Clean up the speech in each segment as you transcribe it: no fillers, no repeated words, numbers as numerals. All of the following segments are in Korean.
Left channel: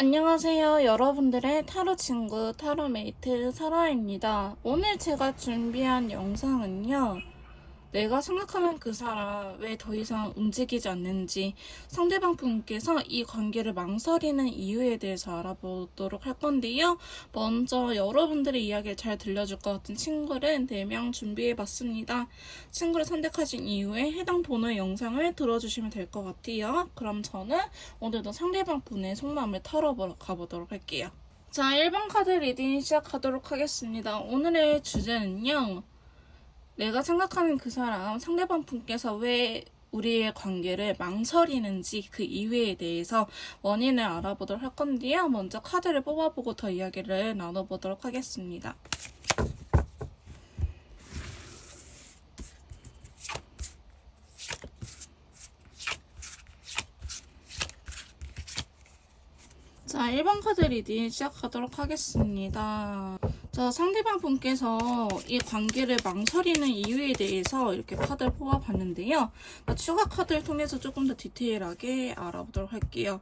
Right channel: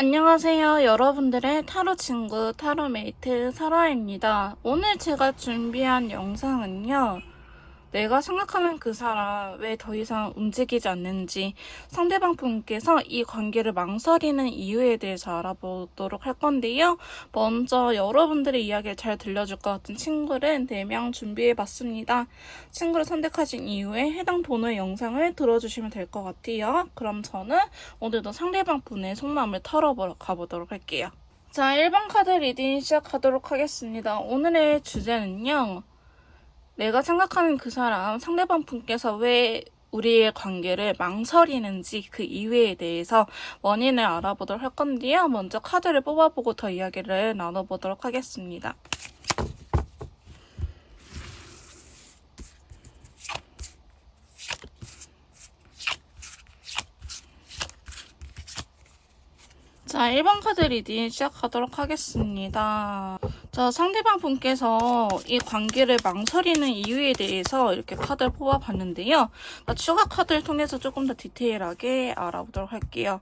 안녕하세요. 여러분들의 타로 친구, 타로메이트 설아입니다. 오늘 제가 준비한 영상은요. 내가 생각하는 그 사람 왜 더 이상 움직이지 않는지, 상대방 분께서 이 관계를 망설이는 이유에 대해서 알아보도록 할 건데요. 먼저 여러분들의 이야기를 잘 들려줄 것 같은 친구를 4명 준비해봤습니다. 친구를 선택하신 이후에 해당 번호의 영상을 들어주시면 될 것 같아요. 그럼 저는 오늘도 상대방 분의 속마음을 털어보러 가보도록 할게요. 자, 1번 카드 리딩 시작하도록 하겠습니다. 오늘의 주제는요. 내가 생각하는 그 사람, 상대방 분께서 왜 우리의 관계를 망설이는지 그 이유에 대해서 원인을 알아보도록 할 건데요. 먼저 카드를 뽑아보고 더 이야기를 나눠보도록 하겠습니다. 자, 1번 카드 리딩 시작하도록 하겠습니다. 자, 상대방 분께서 이 관계를 망설이는 이유에 대해서 이렇게 카드를 뽑아봤는데요. 추가 카드를 통해서 조금 더 디테일하게 알아보도록 할게요.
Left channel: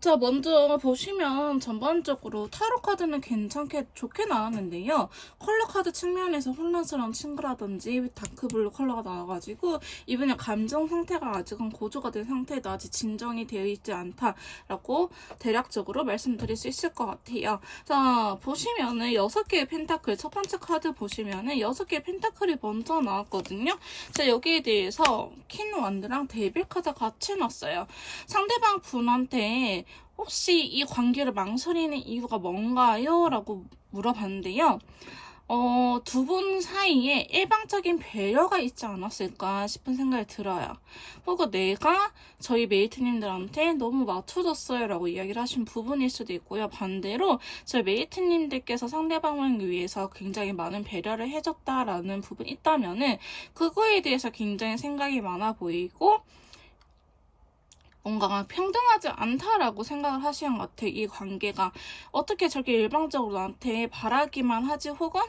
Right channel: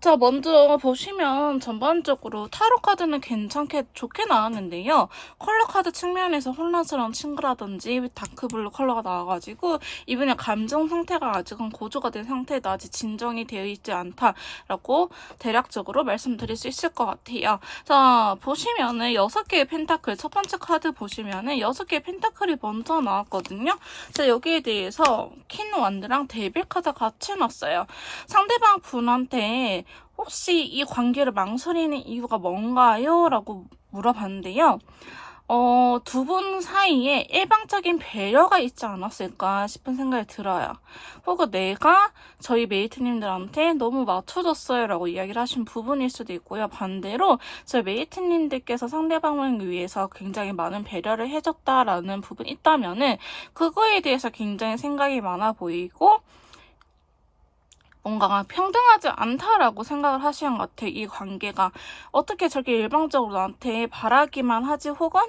자, 먼저 보시면 전반적으로 타로 카드는 괜찮게 좋게 나왔는데요. 컬러 카드 측면에서 혼란스러운 친구라든지 다크블루 컬러가 나와가지고 이분의 감정 상태가 아직은 고조가 된 상태다. 아직 진정이 되어 있지 않다라고 대략적으로 말씀드릴 수 있을 것 같아요. 자, 보시면은 6개의 펜타클, 첫 번째 카드 보시면은 6개의 펜타클이 먼저 나왔거든요. 자, 여기에 대해서 퀸 완드랑 데빌 카드 같이 놨어요. 상대방 분한테 혹시 이 관계를 망설이는 이유가 뭔가요? 라고 물어봤는데요. 두 분 사이에 일방적인 배려가 있지 않았을까 싶은 생각이 들어요. 혹은 내가 저희 메이트님들한테 너무 맞춰줬어요 라고 이야기를 하신 부분일 수도 있고요. 반대로 저희 메이트님들께서 상대방을 위해서 굉장히 많은 배려를 해줬다라는 부분이 있다면은 그거에 대해서 굉장히 생각이 많아 보이고 뭔가 평등하지 않다라고 생각을 하시는 것 같아요. 이 관계가 어떻게 저렇게 일방적으로 나한테 바라기만 하지 혹은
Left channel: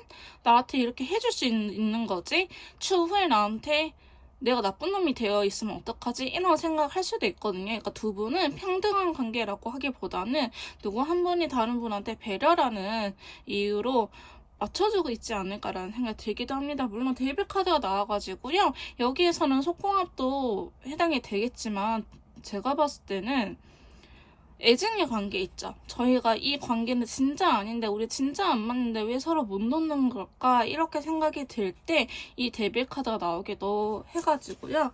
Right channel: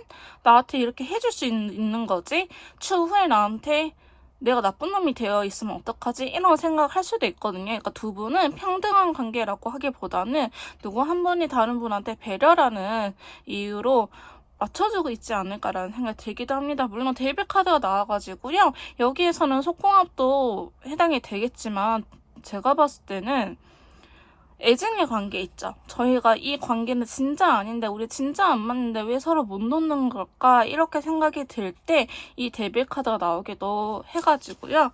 나한테 이렇게 해줄 수 있는 거지? 추후에 나한테 내가 나쁜 놈이 되어 있으면 어떡하지? 이런 생각을 할 수도 있거든요. 그러니까 두 분은 평등한 관계라고 하기보다는 누구 한 분이 다른 분한테 배려라는 이유로 맞춰주고 있지 않을까라는 생각이 들기도 합니다. 물론 데이빌 카드가 나와가지고요. 여기에서는 속궁합도 해당이 되겠지만 제가 봤을 때는 애증의 관계 있죠. 저희가 이 관계는 진짜 아닌데 우리 진짜 안 맞는데 왜 서로 못 놓는 걸까? 이렇게 생각이 들 때 이 데빌 카드가 나오기도 해가지고요.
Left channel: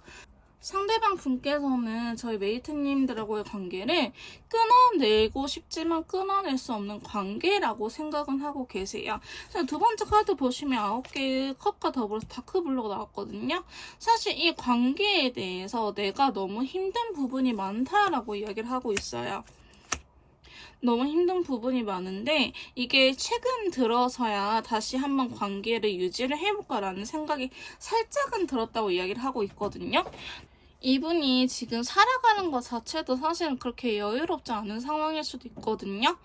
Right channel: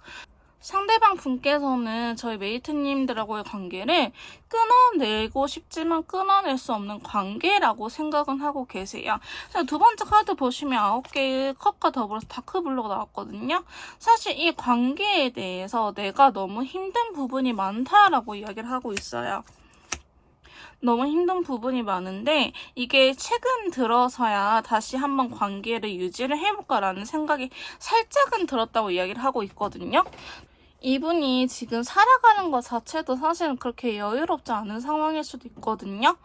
상대방 분께서는 저희 메이트님들하고의 관계를 끊어내고 싶지만 끊어낼 수 없는 관계라고 생각은 하고 계세요. 두 번째 카드 보시면 9개의 컵과 더불어서 다크블루가 나왔거든요. 사실 이 관계에 대해서 내가 너무 힘든 부분이 많다라고 이야기를 하고 있어요. 너무 힘든 부분이 많은데 이게 최근 들어서야 다시 한번 관계를 유지를 해볼까라는 생각이 살짝은 들었다고 이야기를 하고 있거든요. 이분이 지금 살아가는 것 자체도 사실은 그렇게 여유롭지 않은 상황일 수도 있거든요.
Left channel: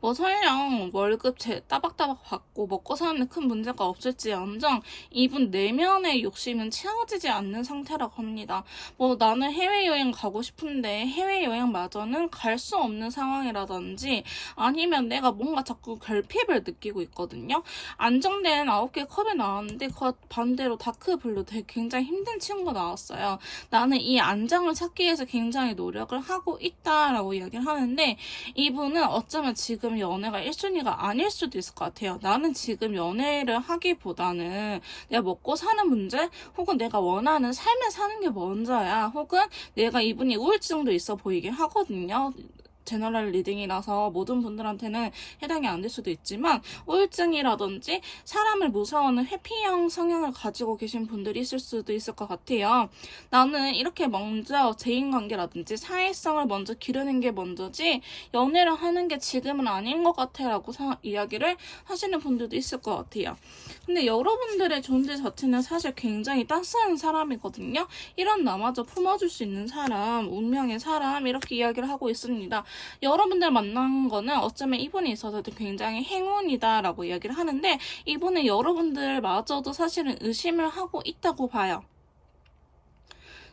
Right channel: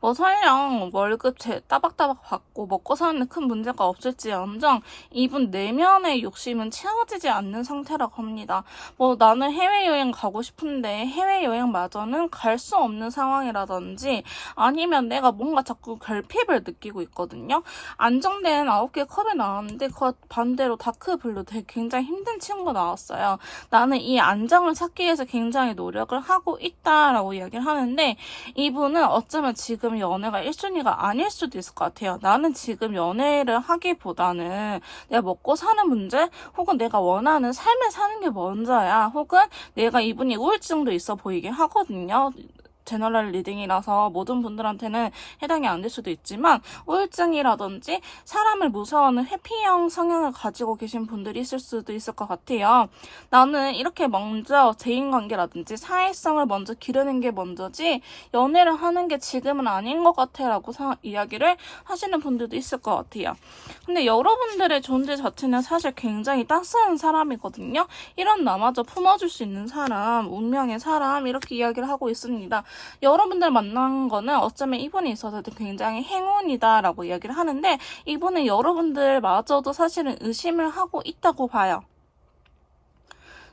뭐 설령 월급 따박따박 받고 먹고 사는 큰 문제가 없을지언정 이분 내면의 욕심은 채워지지 않는 상태라고 합니다. 뭐 나는 해외여행 가고 싶은데 해외여행마저는 갈 수 없는 상황이라든지 아니면 내가 뭔가 자꾸 결핍을 느끼고 있거든요. 안정된 9개 컵이 나왔는데 그 반대로 다크블루 되게 굉장히 힘든 친구가 나왔어요. 나는 이 안정을 찾기 위해서 굉장히 노력을 하고 있다라고 이야기를 하는데 이분은 어쩌면 지금 연애가 1순위가 아닐 수도 있을 것 같아요. 나는 지금 연애를 하기보다는 내가 먹고 사는 문제 혹은 내가 원하는 삶을 사는 게 먼저야. 혹은 내가 이분이 우울증도 있어 보이게 하거든요. 제너럴 리딩이라서 모든 분들한테는 해당이 안 될 수도 있지만 우울증이라든지 사람을 무서워하는 회피형 성향을 가지고 계신 분들이 있을 수도 있을 것 같아요. 나는 이렇게 먼저 대인관계라든지 사회성을 먼저 기르는 게 먼저지 연애를 하는 게 지금은 아닌 것 같아 라고 이야기를 하시는 분들도 있을 것 같아요. 근데 여러분들의 존재 자체는 사실 굉장히 따스한 사람이거든요. 이런 나마저 품어줄 수 있는 사람, 운명의 사람 이렇게 이야기를 하고 있습니다. 여러분들 만난 거는 어쩌면 이분이 있어서도 굉장히 행운이다라고 이야기를 하는데 이분은 여러분들마저도 사실은 의심을 하고 있다고 봐요.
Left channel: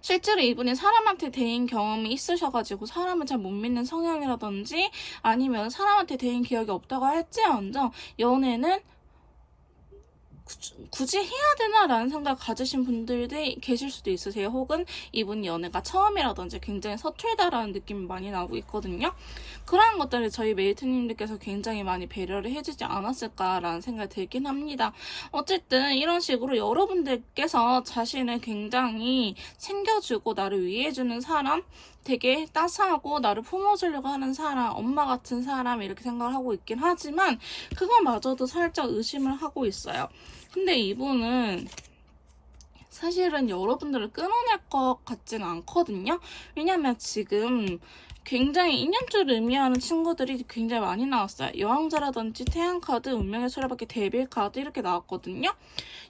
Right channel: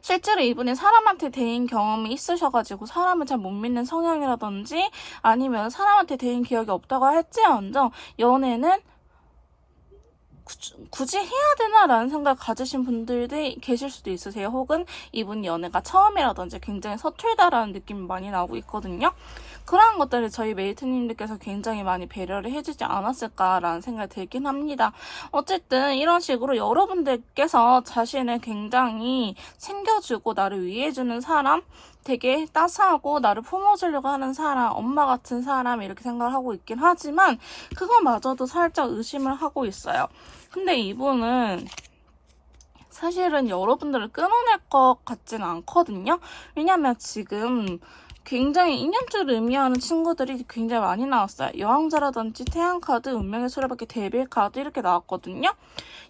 실제로 이분이 사람한테 대인 경험이 있으셔가지고 사람을 잘 못 믿는 성향이라든지 아니면 사람한테 대인 기억이 없다고 할지언정 연애는 굳이 해야 되나라는 생각을 가지신 분들도 계실 수도 있으세요. 혹은 이분 연애가 처음이라든지 굉장히 서툴다라는 느낌이 많이 나오고 있거든요. 그러한 것들을 저희 메이트님들께서 굉장히 많이 배려를 해주지 않았을까라는 생각이 들긴 합니다. 어쨌든 이런 식으로 여러분들께서 자신을 굉장히 챙겨주고 나를 위해주는 사람, 되게 따스하고 나를 품어주려고 하는 사람, 엄마 같은 사람 이렇게 생각을 하고 있긴 하지만 그거마저도 살짝 의심을 하고 있어요. 근데 이분은 사실은 여러분들을 끊어낼 것 같지는 않거든요. 왜냐면 지금 굉장히 인연줄을 의미하는 친구들이 굉장히 많이 나왔어요. 여왕자라든지 태양카드, 운명의 수레바퀴, 데빌카드 이렇게 나왔거든요.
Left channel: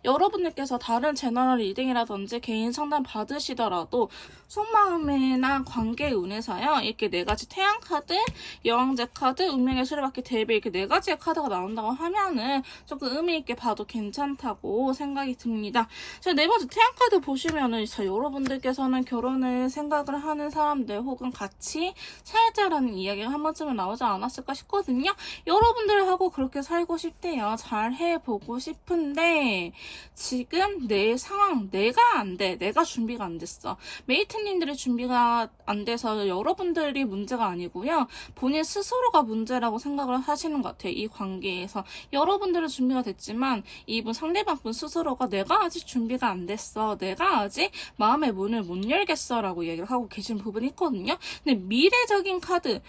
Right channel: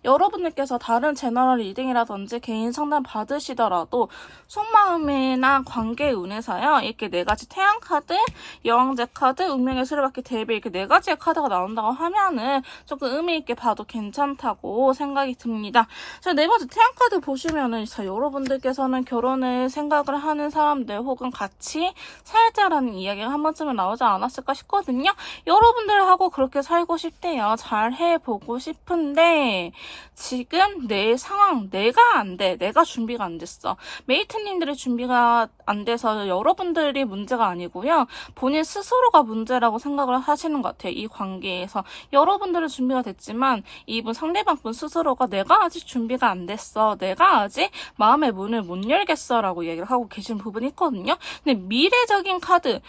여러분들께서 다른 제너럴 리딩이라든지 개인 상담 받으시더라도 속마음이나 관계 운에서요. 이렇게 네 가지 태양카드, 여왕자 카드, 운명의 수레바퀴, 데빌 이렇게 네 가지의 카드가 나온다고 하면은 조금 의미 있게 봐도 괜찮다고 생각이 듭니다. 자, 네 번째 태양카드 보시면은 자, 여러분들께서는 결혼을 생각을 하는 사람들 혹은 같이 살자라는 이야기가 한 번쯤은 나오지 않았을까 싶거든요. 여러분들하고 그렇게 살고 싶대요. 잘 해보고 싶은데 지금 내 상황, 내가 안 돼. 내가 준비가 안 됐어. 메이트님들의 준비가 안 돼서 여러분들이 문제가 아니고요. 본인 스스로가 문제라고 생각을 하시는 것 같아요. 이 관계에서. 여러분들은 준비가 됐지만 이분 상대방 분 스스로가 내가 아직 준비가 안 됐어. 내가 아직 마음의 문을 못 열겠어. 라고 얘기를 하고 계신 부분이 있거든요. 근데 미래적인 카드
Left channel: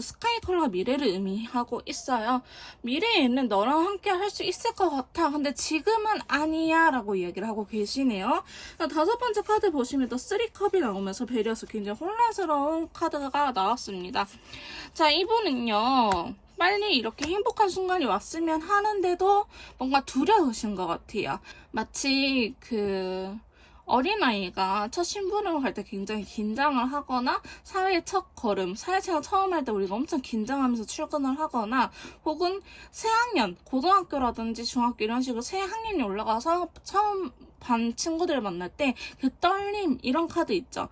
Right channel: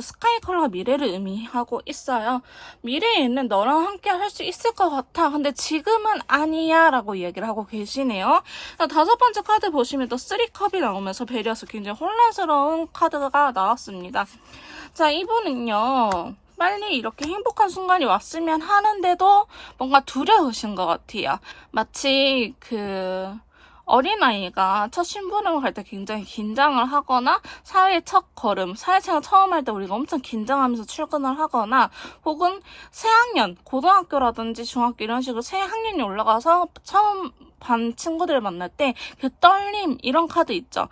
스카이 컬러가 미래를 의미하고 있어요. 미래에는 너랑 함께 할 수 있을 것 같아. 근데 지금은 아니야 라고 얘기를 하고 계시네요. 다섯 번째 카드 보시면 또 3컵이 나오면서 배려서 굉장히 혼란스러운 카드가 나왔습니다. 자, 이분은요. 빨리 이렇게 행복한 순간이 왔으면 하는데도 뭔가 두려우신 것 같아요. 마치 어린아이가 첫 심부름을 갈 때 굉장히 긴장을 하거나 사회 첫 걸음, 사회생활 처음 할 때 우리가 엄청 긴장하면서 출근을 하거나 혹은 새학년, 고등학교라든지 중학교 이런 식으로 새학년이 올라가서 처음 반 친구들을 만날 때 그 떨림 이런 카드 있죠.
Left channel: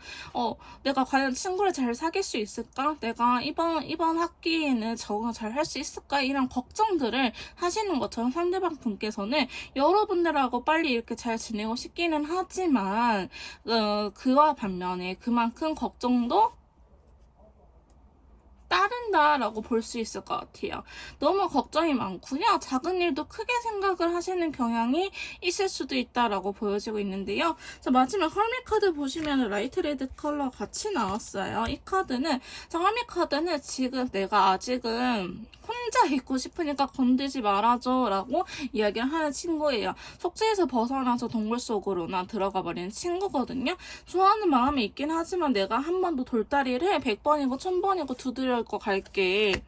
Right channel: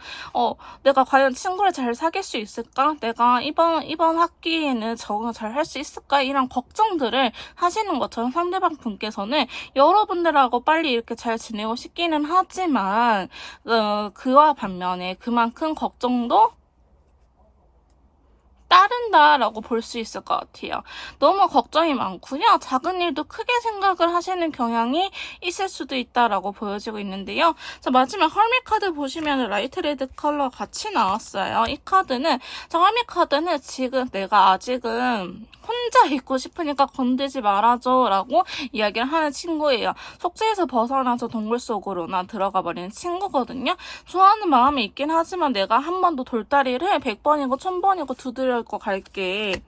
내가 과연 친구를 잘 사귈 수 있을까? 내가 이번 학기에는 적응을 잘 할 수 있을까? 이런 걱정들을 하시는 것처럼 상대방 분께서는 여러분들하고 빨리 이렇게 잘 지내고 싶기는 하지만 그와 반면에 그만큼 걱정도 따른다라고 볼 수 있을 것 같아요. 너무 걱정이 많고요. 작은 일도 크게 생각을 하시는 경향이 있을 수도 있다라고 보여지고 있는데요. 자, 마지막 헐밋 카드 보시면 라이트 레드 컬러 같이 나왔어요. 이 카드는 헐밋 카드는 지금 내가 아직은 혼자 있고 싶으니까 건들지 말아줘 라고 이야기를 하는 친구예요. 속죄에서 벗어나서 동굴 속으로나 들어가 버리는 친구거든요. 좋아하는 마음이 있긴 하지만 내가 한 번도 돌다리를 100번이고 1000번이고 두드려 거 갈게.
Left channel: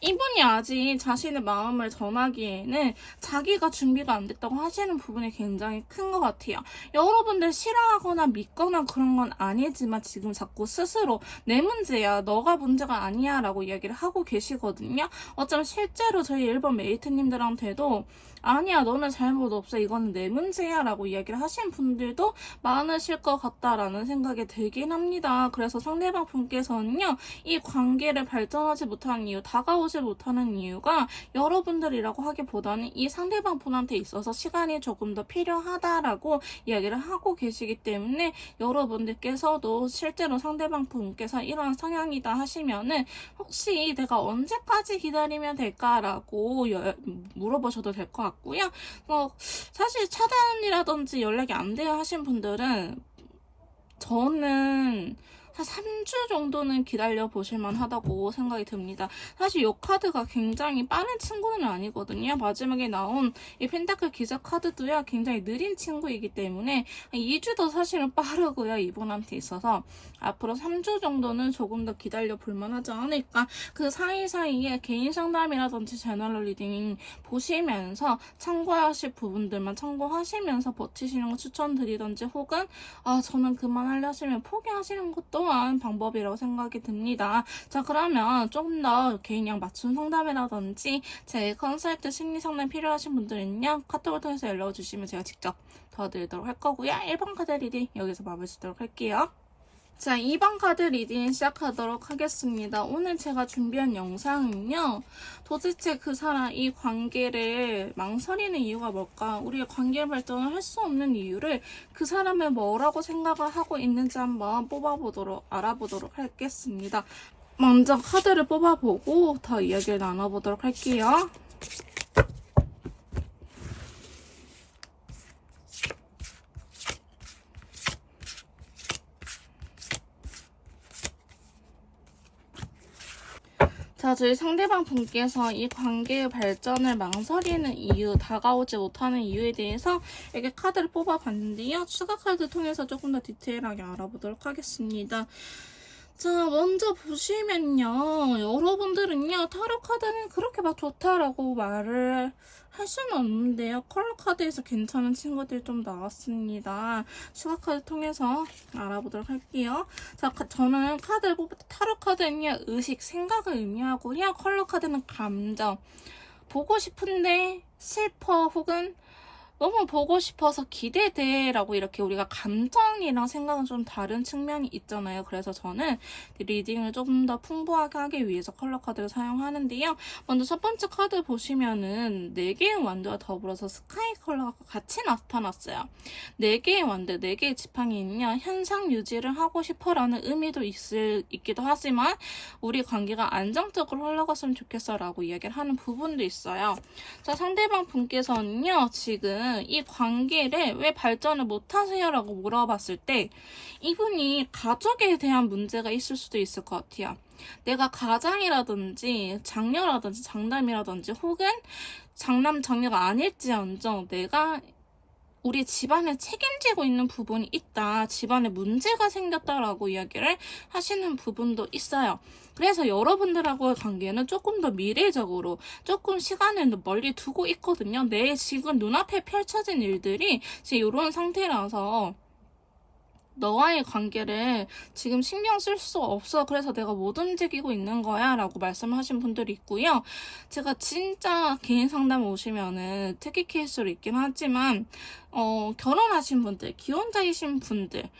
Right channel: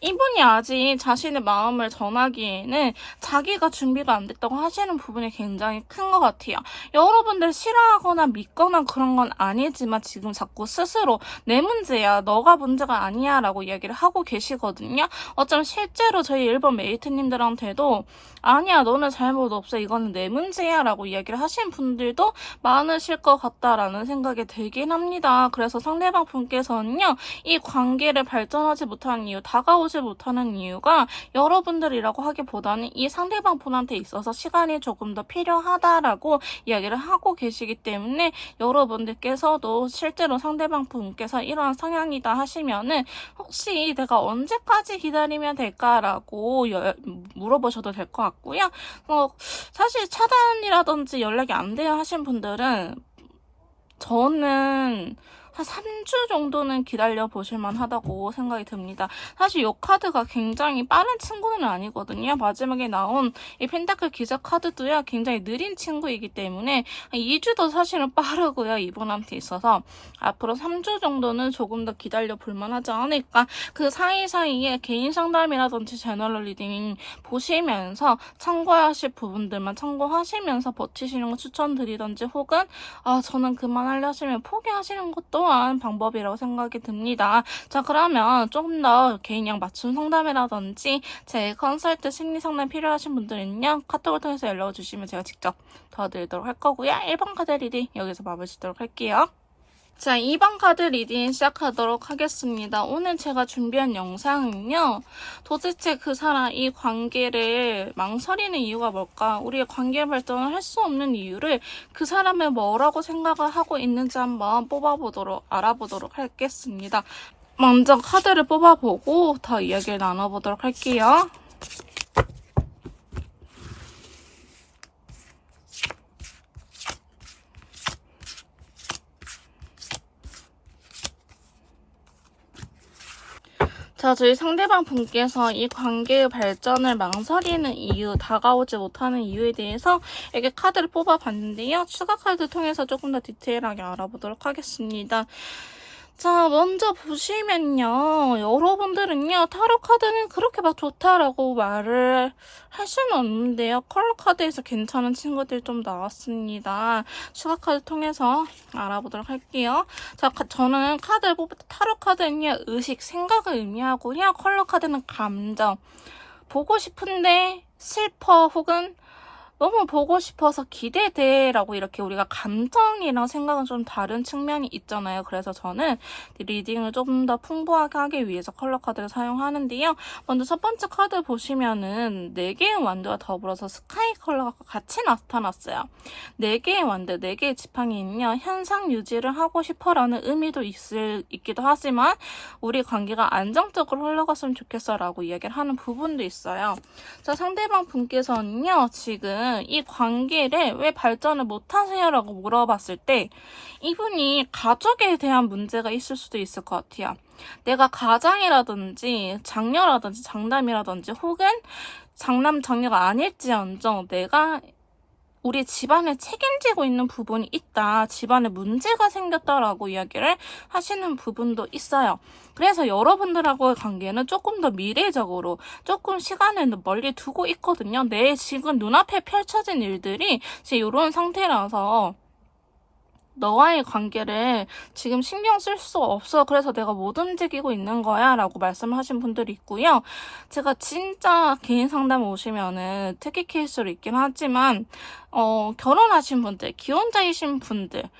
이분이 아직 자신의 마음을 전하기에는 자기가 준비가 안 됐다고 하시는 부분이 굉장히 큰 것 같아요. 여러분들 싫어하거나 믿거나 그런 건 아니지만 지금 자꾸 스스로 내 문제야, 너가 문제가 아니야 라고 이야기를 하고 계시거든요. 어쩌면 실제로 저희 일본 메이트님들한테도 아니야, 너는 잘못 없어, 이거는 내 문제야 라고 이야기를 하신 분들도 많으실 것 같다라는 생각이 들긴 합니다. 그래서 상대방 분께서는요, 이 관계를 발전하지 못하는 이유, 다가오지 못하는 이유가 여러분들이라고 하기보다는 이 상대방 분한테 있어서 시간이 조금 더 필요하다라고 이야기를 하고 계시기 때문에 여러분들께서도 실제로 상대방 분께서 이러한 성향이다 하시면은 혹시 내가 언제까지 기다리면 될까라고 물어보셔도 될 것 같고요. 사실 차단이라든지 연락이 안 돼요 하신 분들은 저는 한 3주 정도는 기다려 보실만 하다고 생각이 듭니다. 사실 이 카드가 굉장히 빠른 친구는 아니거든요. 마지막에 나온 이 펜타클 기사 카드도요, 굉장히 느린 친구이기 때문에 2주도 사실은 빠르고요. 이분한테 있어서 앞으로 3주 정도는 조금 더 기다려 볼만 하지 않을까. 그 사이사이에 개인 상담이라든지 제너럴 리딩 보시면서 참고하실 부분들만 참고하시면서 버티시는 거 추천드리던지 혹은 저는 그만하려 하시면 포기하시는 것도 필요한 방법이라고 생각이 듭니다. 자, 그러면 조금 더 개인형 맞춤 상담이라든지 제 컨설트 심리 상담 필요하신 분들은요, 카톡을 통해서 연락을 주시면 제가 직접 도와드리도록 할 거고요. 1번 카드 리딩 여기서 마무리 짓도록 할게요. 자, 2번 카드 리딩 시작하도록 하겠습니다. 오늘 제가 준비한 영상은요, 도대체 그 사람, 이 관계를 망설이는 이유가 뭘까? 우리의 관계 발전을 할 수 없는 이유를 그 사람이 뭐라고 생각을 하고 있는지 한번 알아보도록 하겠습니다. 먼저 카드를 뽑아보고 더 이야기를 나눠보도록 할게요. 자, 저희 상대방 분께서 이 관계의 발전을 망설이는 이유, 다가오지 못하는 이유에 대해서 이렇게 카드를 뽑아봤는데요. 추가 카드 통해서 조금 더 디테일하게 알아보도록 하겠습니다. 자, 먼저 보시면요. 여러분들은요, 타로 카드는 그렇게 막 좋다라고 말을 할 수는 없는데요. 컬러 카드에서 괜찮은 친구들 좀 나왔습니다. 추가 카드 통해서 알아보도록 할게요. 자, 저는 카드를 뽑을 때 타로 카드는요, 의식, 생각을 의미하고요. 컬러 카드는 감정. 보고 싶은데 슬퍼 혹은 너무 보고 싶어서 기대돼라고 이렇게 우리가 감정이랑 생각은 좀 다른 측면이 있잖아요. 그래서 저는 리딩을 조금 더 풍부하게 하기 위해서 컬러 카드를 사용하는데요. 먼저 첫 번째 카드 보시면은 4개의 완드와 더불어서 스카이 컬러가 같이 나타났어요. 4개의 완드, 4개의 지팡이는요. 현상 유지를 하고 싶어라는 의미도 있기도 하지만 우리 관계가 안정적으로 흘러갔으면 좋겠어라고 이야기를 하는 부분도 있어요. 자, 상대방 분께서는요. 지금 이 관계를 왜 발전을 못하세요? 라고 물어봤을 때 이분이 가족에 대한 문제가 있을 수도 있을 것 같아요. 내가 가장이라든지 장녀라든지 장남이라든지 혹은 장남 장녀가 아닐지언정 내가 우리 집안을 책임지고 있는 부분이 있다. 집안에 문제가 생겼다라고 이야기를 하시는 부분도 있어요. 그래서 여러분들하고의 관계는 조금 더 미래적으로 조금 시간을 멀리 두고 있거든요. 내 지금 눈앞에 펼쳐진 일들이 지금 이런 상태라서 너와의 관계를 지금 신경 쓸 수 없어. 그래서 내가 못 움직이고 있는 거야. 라고 말씀하신 분들이 있고요. 제가 진짜 개인 상담 오시면은 특이 케이스로 있긴 하지만, 결혼하신 분들, 기혼자이신 분들,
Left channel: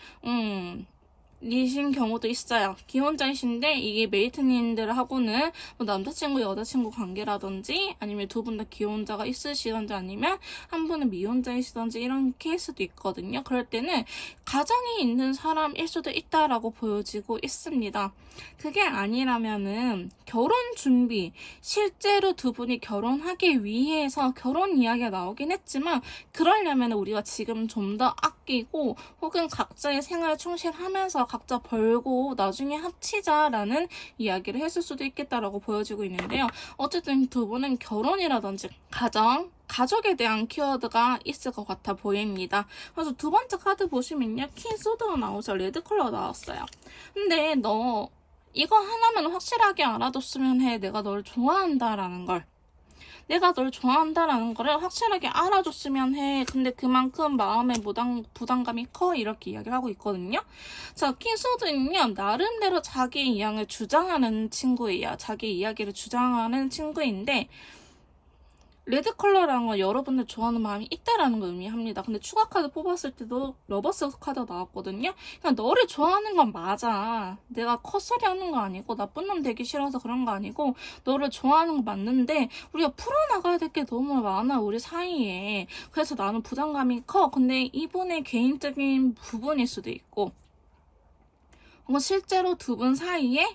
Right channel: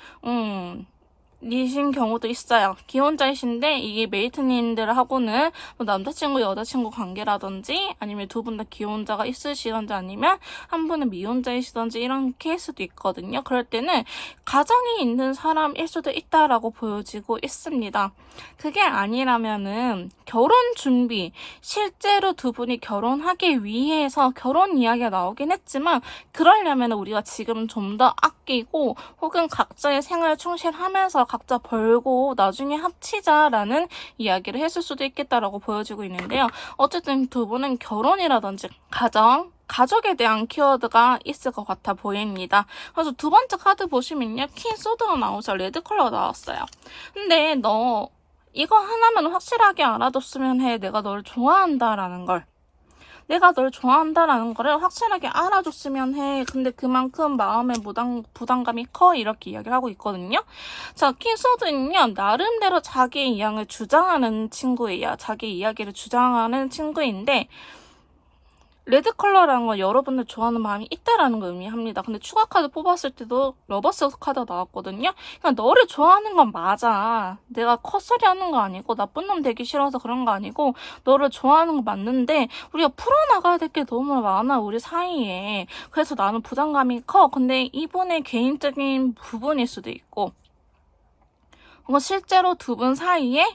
이신 경우도 있어요. 기혼자이신데 이게 메이트님들하고는 뭐 남자친구, 여자친구 관계라든지 아니면 두 분 다 기혼자가 있으시던지 아니면 한 분은 미혼자이시던지 이런 케이스도 있거든요. 그럴 때는 가정이 있는 사람일 수도 있다라고 보여지고 있습니다. 그게 아니라면은 결혼 준비, 실제로 두 분이 결혼하기 위해서 결혼 이야기가 나오긴 했지만 그러려면 우리가 지금 좀 더 아끼고 혹은 각자의 생활을 충실하면서 각자 벌고 나중에 합치자라는 이야기를 했을 수도 있겠다라고 보여지고 있는데요. 어쨌든 두 분은 결혼이라든지 가족에 대한 키워드가 있을 것 같아 보입니다. 그래서 두 번째 카드 보시면요. 퀸 소드가 나오죠. 레드 컬러가 나왔어요. 근데 너 이거 하나만 확실하게 알아뒀으면 해. 내가 너를 좋아한다라는 걸. 내가 널 좋아한다라는 거를 확실하게 알아줬으면 해. 근데 그만큼 마음의 부담감이 커. 이렇게 이야기를 하고 있거든요. 자, 킹소드는요. 나름대로 자기의 이야기를 주장하는 친구예요. 자기 이야기를 주장하는 친구인데 레드 컬러라는 건 여러분들 좋아하는 마음이 있다라는 걸 의미합니다. 근데 추가 카드 뽑았을 때도 러버스 카드가 나왔거든요. 그러니까 너를 좋아하는 건 맞아. 내가 컷소리 하는 거 아니고 나쁜 놈 되기 싫어서 그런 거 아니고 너를 좋아하는 거 맞는데 우리가 풀어나가야 될 게 너무 많아 우리 사이에. 그래서 나는 부담감이 커. 근데 이분의 개인적인 부분일 수도 있고 뭔가 실제로 두 분 사이에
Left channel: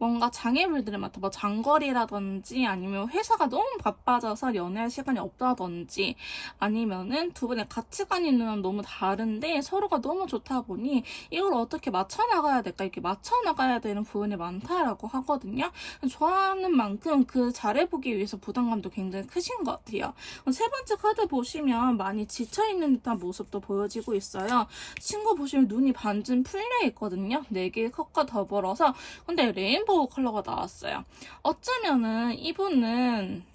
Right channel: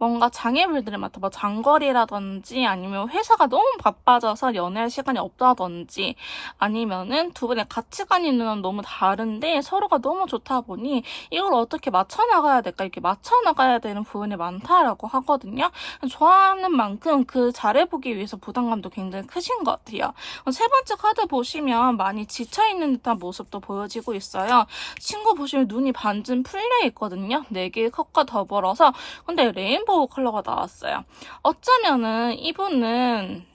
뭔가 장애물들을 맡아 뭐 장거리라든지 아니면 회사가 너무 바빠져서 연애할 시간이 없다든지 아니면은 두 분의 가치관이 너무 다른데 서로가 너무 좋다 보니 이걸 어떻게 맞춰나가야 될까 이렇게 맞춰나가야 되는 부분이 많다라고 하거든요. 좋아하는 만큼 그 잘해보기 위해서 부담감도 굉장히 크신 것 같아요. 세 번째 카드 보시면 많이 지쳐있는 듯한 모습도 보여지고 있어요. 친구 보시면 눈이 반쯤 풀려 있거든요. 4개의 컵과 더불어서 근데 레인보우 컬러가 나왔어요. 어쩌면은 이분은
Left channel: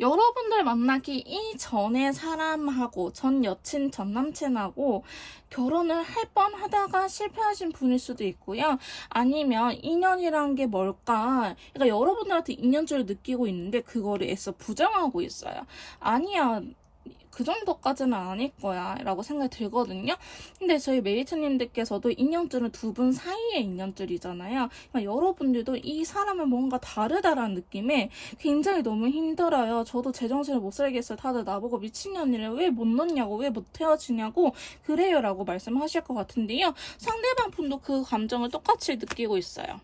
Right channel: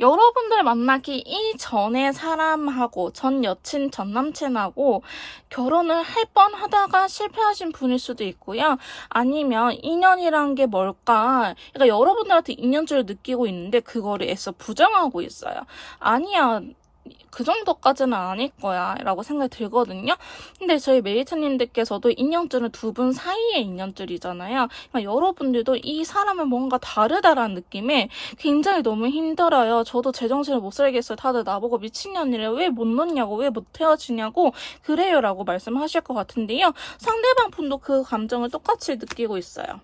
여러분들 만나기 이전에 사람하고 전 여친, 전 남친하고 결혼을 할 뻔하다가 실패하신 분일 수도 있고요. 아니면 인연이란 게 뭘까? 그러니까 여러분들한테 인연줄을 느끼고 있는데 그거를 애써 부정하고 있어요. 아니야. 그 정도까지는 아닐 거야 라고 생각이 들거든요. 근데 저희 메이트님들께서도 인연줄은 두 분 사이의 인연줄이잖아요. 그러니까 여러분들도 이 사람은 뭔가 다르다라는 느낌에 굉장히 너무 힘들어요. 저도 제정신을 못 살겠어요. 다들 나보고 미친년이래. 왜 못 놓냐고, 왜 못 헤어지냐고 그래요 라고 말씀하실 것 같은데요. 상대방 분도 그 감정을 똑같이 느끼고 있어요.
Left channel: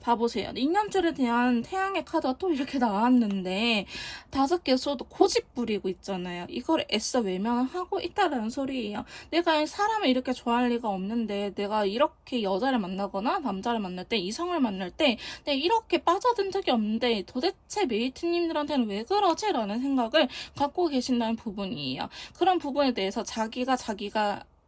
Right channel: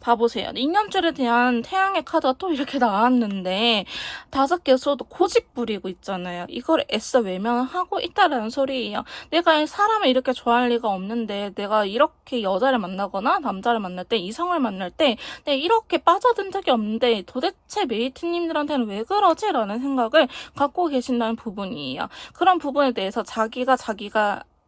봐보세요. 인연줄에 대한 태양의 카드가 또 이렇게 나왔는데 5개 쏘도 고집 부리고 있잖아요. 이걸 애써 외면하고 있다라는 소리예요. 내가 이 사람을 이렇게 좋아할 리가 없는데 내가 이렇게 여자를 만나거나 남자를 만날 때 이성을 만날 때 내가 이렇게 빠져든 적이 없는데 도대체 메이트님들한테는 왜 그러지? 라는 생각을 갖고 계신다는 부분이에요. 그런 부분에 대해서 자기가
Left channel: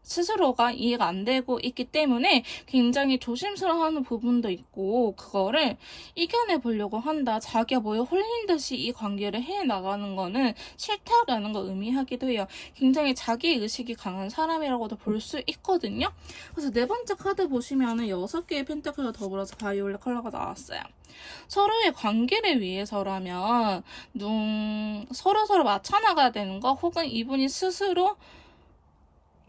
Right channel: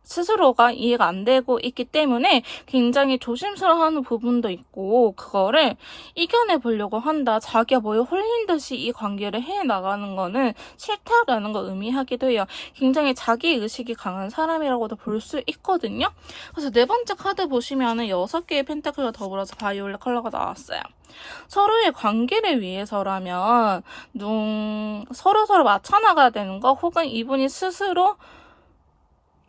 스스로가 이해가 안 되고 있기 때문에 굉장히 조심스러워하는 부분도 있고 그거를 이겨내 보려고 한다. 자기가 뭐에 홀린 듯이 이 관계를 해나가는 거는 싫다라는 걸 의미하기도 해요. 굉장히 자기의식이 강한 사람이라고도 볼 수 있거든요. 그래서 네 번째 카드 보시면은 6개의 펜타클과 더불어서 바이올렛 컬러가 나왔어요. 서로의 관계를 위해서라면 서로 맞춰나가야 되는 거 혹은 이분이 스스로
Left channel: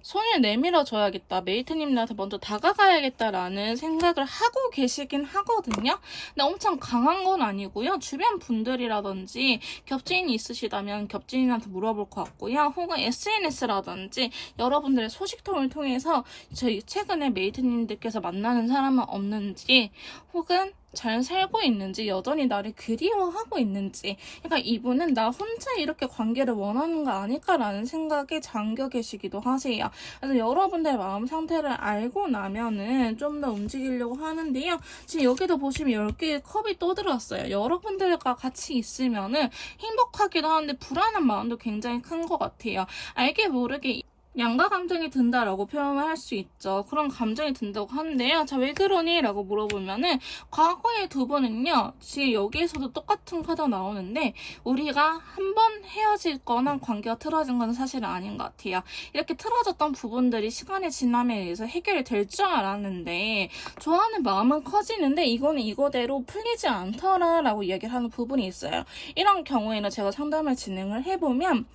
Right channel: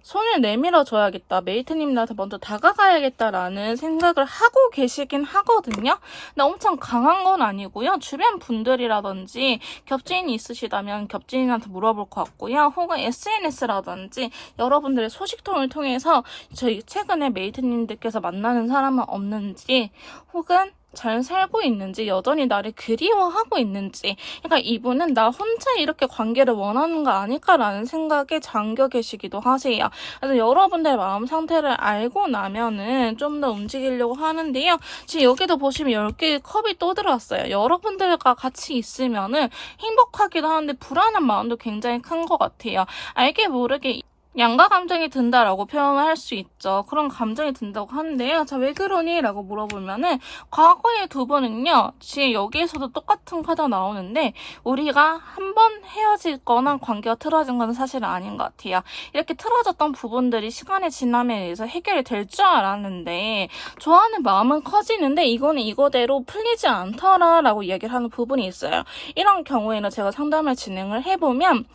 손을 내밀어 줘야겠다. 메이트님한테 먼저 다가가야겠다라는 생각을 하고 계시긴 하거든요. 근데 엄청 강한 건 아니고요. 주변 분들이라든지 겹친이 있으시다면 겹친한테 물어볼 것 같고요. 혹은 SNS라든지 여러분들의 소식통을 통해서 저희 최근에 메이트님들께서 만나는 사람은 없는지 혹은 잘 살고 있는지 여전히 나를 그리워하고 있는지 그러니까 이분은 나 혼자 이렇게 관계를 원하는 거 아닐까라는 생각에 잠겨 계시기도 하세요. 그래서 여러분들의 마음 상태를 알고 나면은 좀 더 움직이려고 하는데요. 지금 여기도 보시면 10개의 컵이 또 들어왔어요. 여러분들과 같이 있으면은 행복하기도 하는데 불안한 마음도 굉장히 큰 것 같아요. 알게 모르게 양가 감정이 든다라고 표현을 할 수 있죠. 그런 감정이 든다고 하는데요. 자, 왜 그러니? 라고 물어보면은 과거의 두 번은요. 지금 여기에서도 똑같은 카드가 나오는데 우리가 한 번 헤어질 거나 관계가 틀어진 건 사실은 아닌 것 같아요. 이렇게 틀어졌던 부분들이 시간의 지남에 의해서 해결이 될 줄 알았는데 좋아하는 마음은 커지는데 이거는 이거대로 풀리지 않더라라고 이야기를 하는 부분이 있어요. 이런 경우에는 제가 상담을 진행을 해보면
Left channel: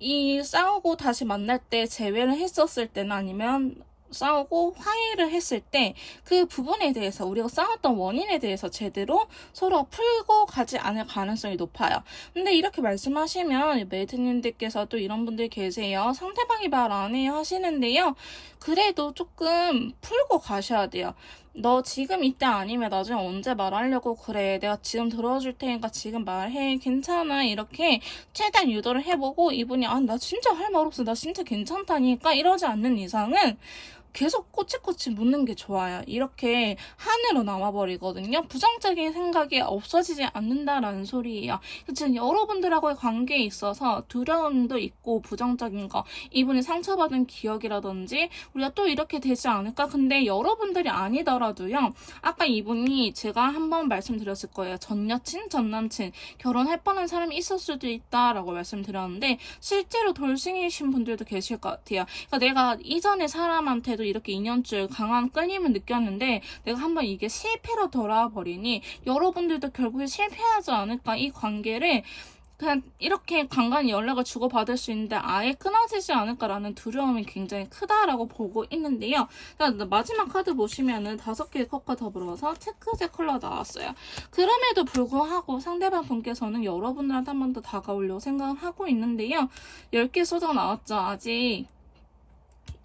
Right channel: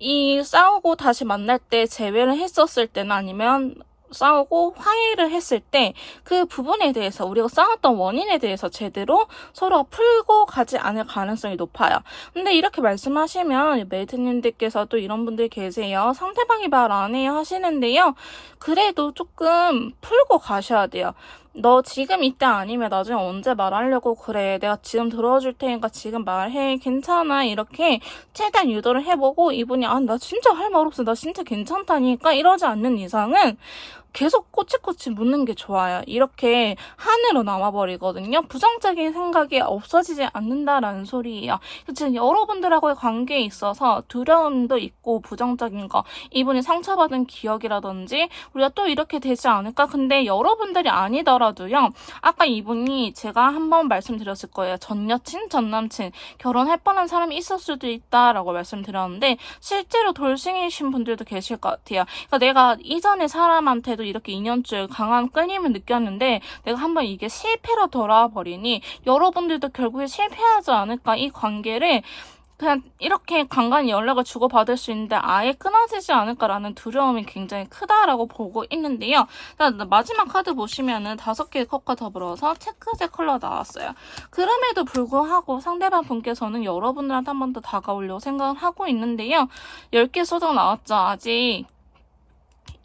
이 싸우고 다시 만날 때 재회를 했었을 때나 아니면 싸우고 화해를 했을 때 그 부분에 대해서 우리가 싸웠던 원인에 대해서 제대로 서로가 풀고 가지 않을 가능성이 높아요. 근데 이렇게 말씀하시면 메이트님들께서도 이런 분들 계세요. 상대방이 말 안 해요 하시는데요. 그래도 조금 풀고 가셔야 돼요. 너 지금 이때 아니면 나중에 언제 말하려고 그래. 내가 지금 들어줄 테니까 지금 말해. 괜찮아. 이렇게 최대한 유도를 해보고 이분이 나 진짜 할 말 없어. 나 진짜 괜찮다니까 이러지 않는 이상은 계속 꼬치꼬치 묻는 게 좋아요. 이렇게 한으로 남아버리거든요. 부정적인 생각이 없어지지 않는다라는 소리예요. 지금 여러분들하고의 관계에 있어서 두려움도 있고 부정적인 거, 이분이 상처받은 기억이라든지 우리가 또 이렇게 되지 않을까? 근데 여러분들이 아니더라도요. 아까 이분이 제가 한번 말씀드렸을 거예요. 전 여친, 전 남친, 결혼할 뻔한 사람이 있을 수도 있다라고 말씀드렸는데 실제로 돌싱이신 분들도 계실 것 같아요. 그러니까 내가 이전에 사람한테도 이렇게 인연줄 강한 끌림을 느꼈는데 내가 한번 이게 실패로 돌아와 버리니 여러분들도 결국에 실패하지 않을까. 이 관계를 그냥 이렇게 간간히 연락을 주고받을 수 있는데 아예 끊어지지 않을까라는 두려움이 굉장히 크다라고 보고 있는데요. 마지막 카드 보시면은 5개의 컵과 더불어서 체크색 컬러 나왔어요. 그럼에도 불구하고 상대방 분께서는 여러분들한테 한 번 더 다가오려고 생각을 하고 있는데요. 10개 소정 나왔죠. 아직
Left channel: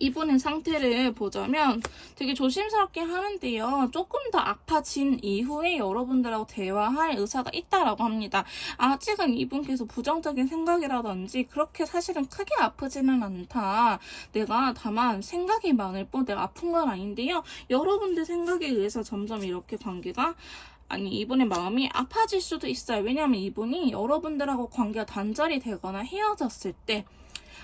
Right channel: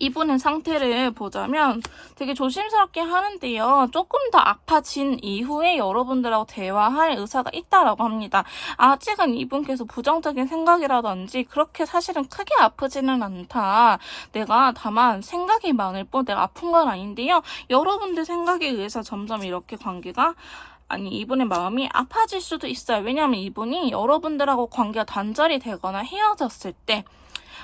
이분의 상태를 보자면 되게 조심스럽게 하는데요. 조금 더 아파진 이후에 여러분들하고 대화할 의사가 있다라고 합니다. 아직은 이분께서 부정적인 생각이라든지 그렇게 사실은 크게 아프지는 않다. 내가 다만 생각이 많을 뿐 내가 아픈 건 아닌데요. 여러분들 생각에 의해서 점점 이렇게 관계가 이분의 마음이 아파질 수도 있어요. 왜냐하면 이분이 여러분들하고 관계가 단절이 되거나 헤어졌을 때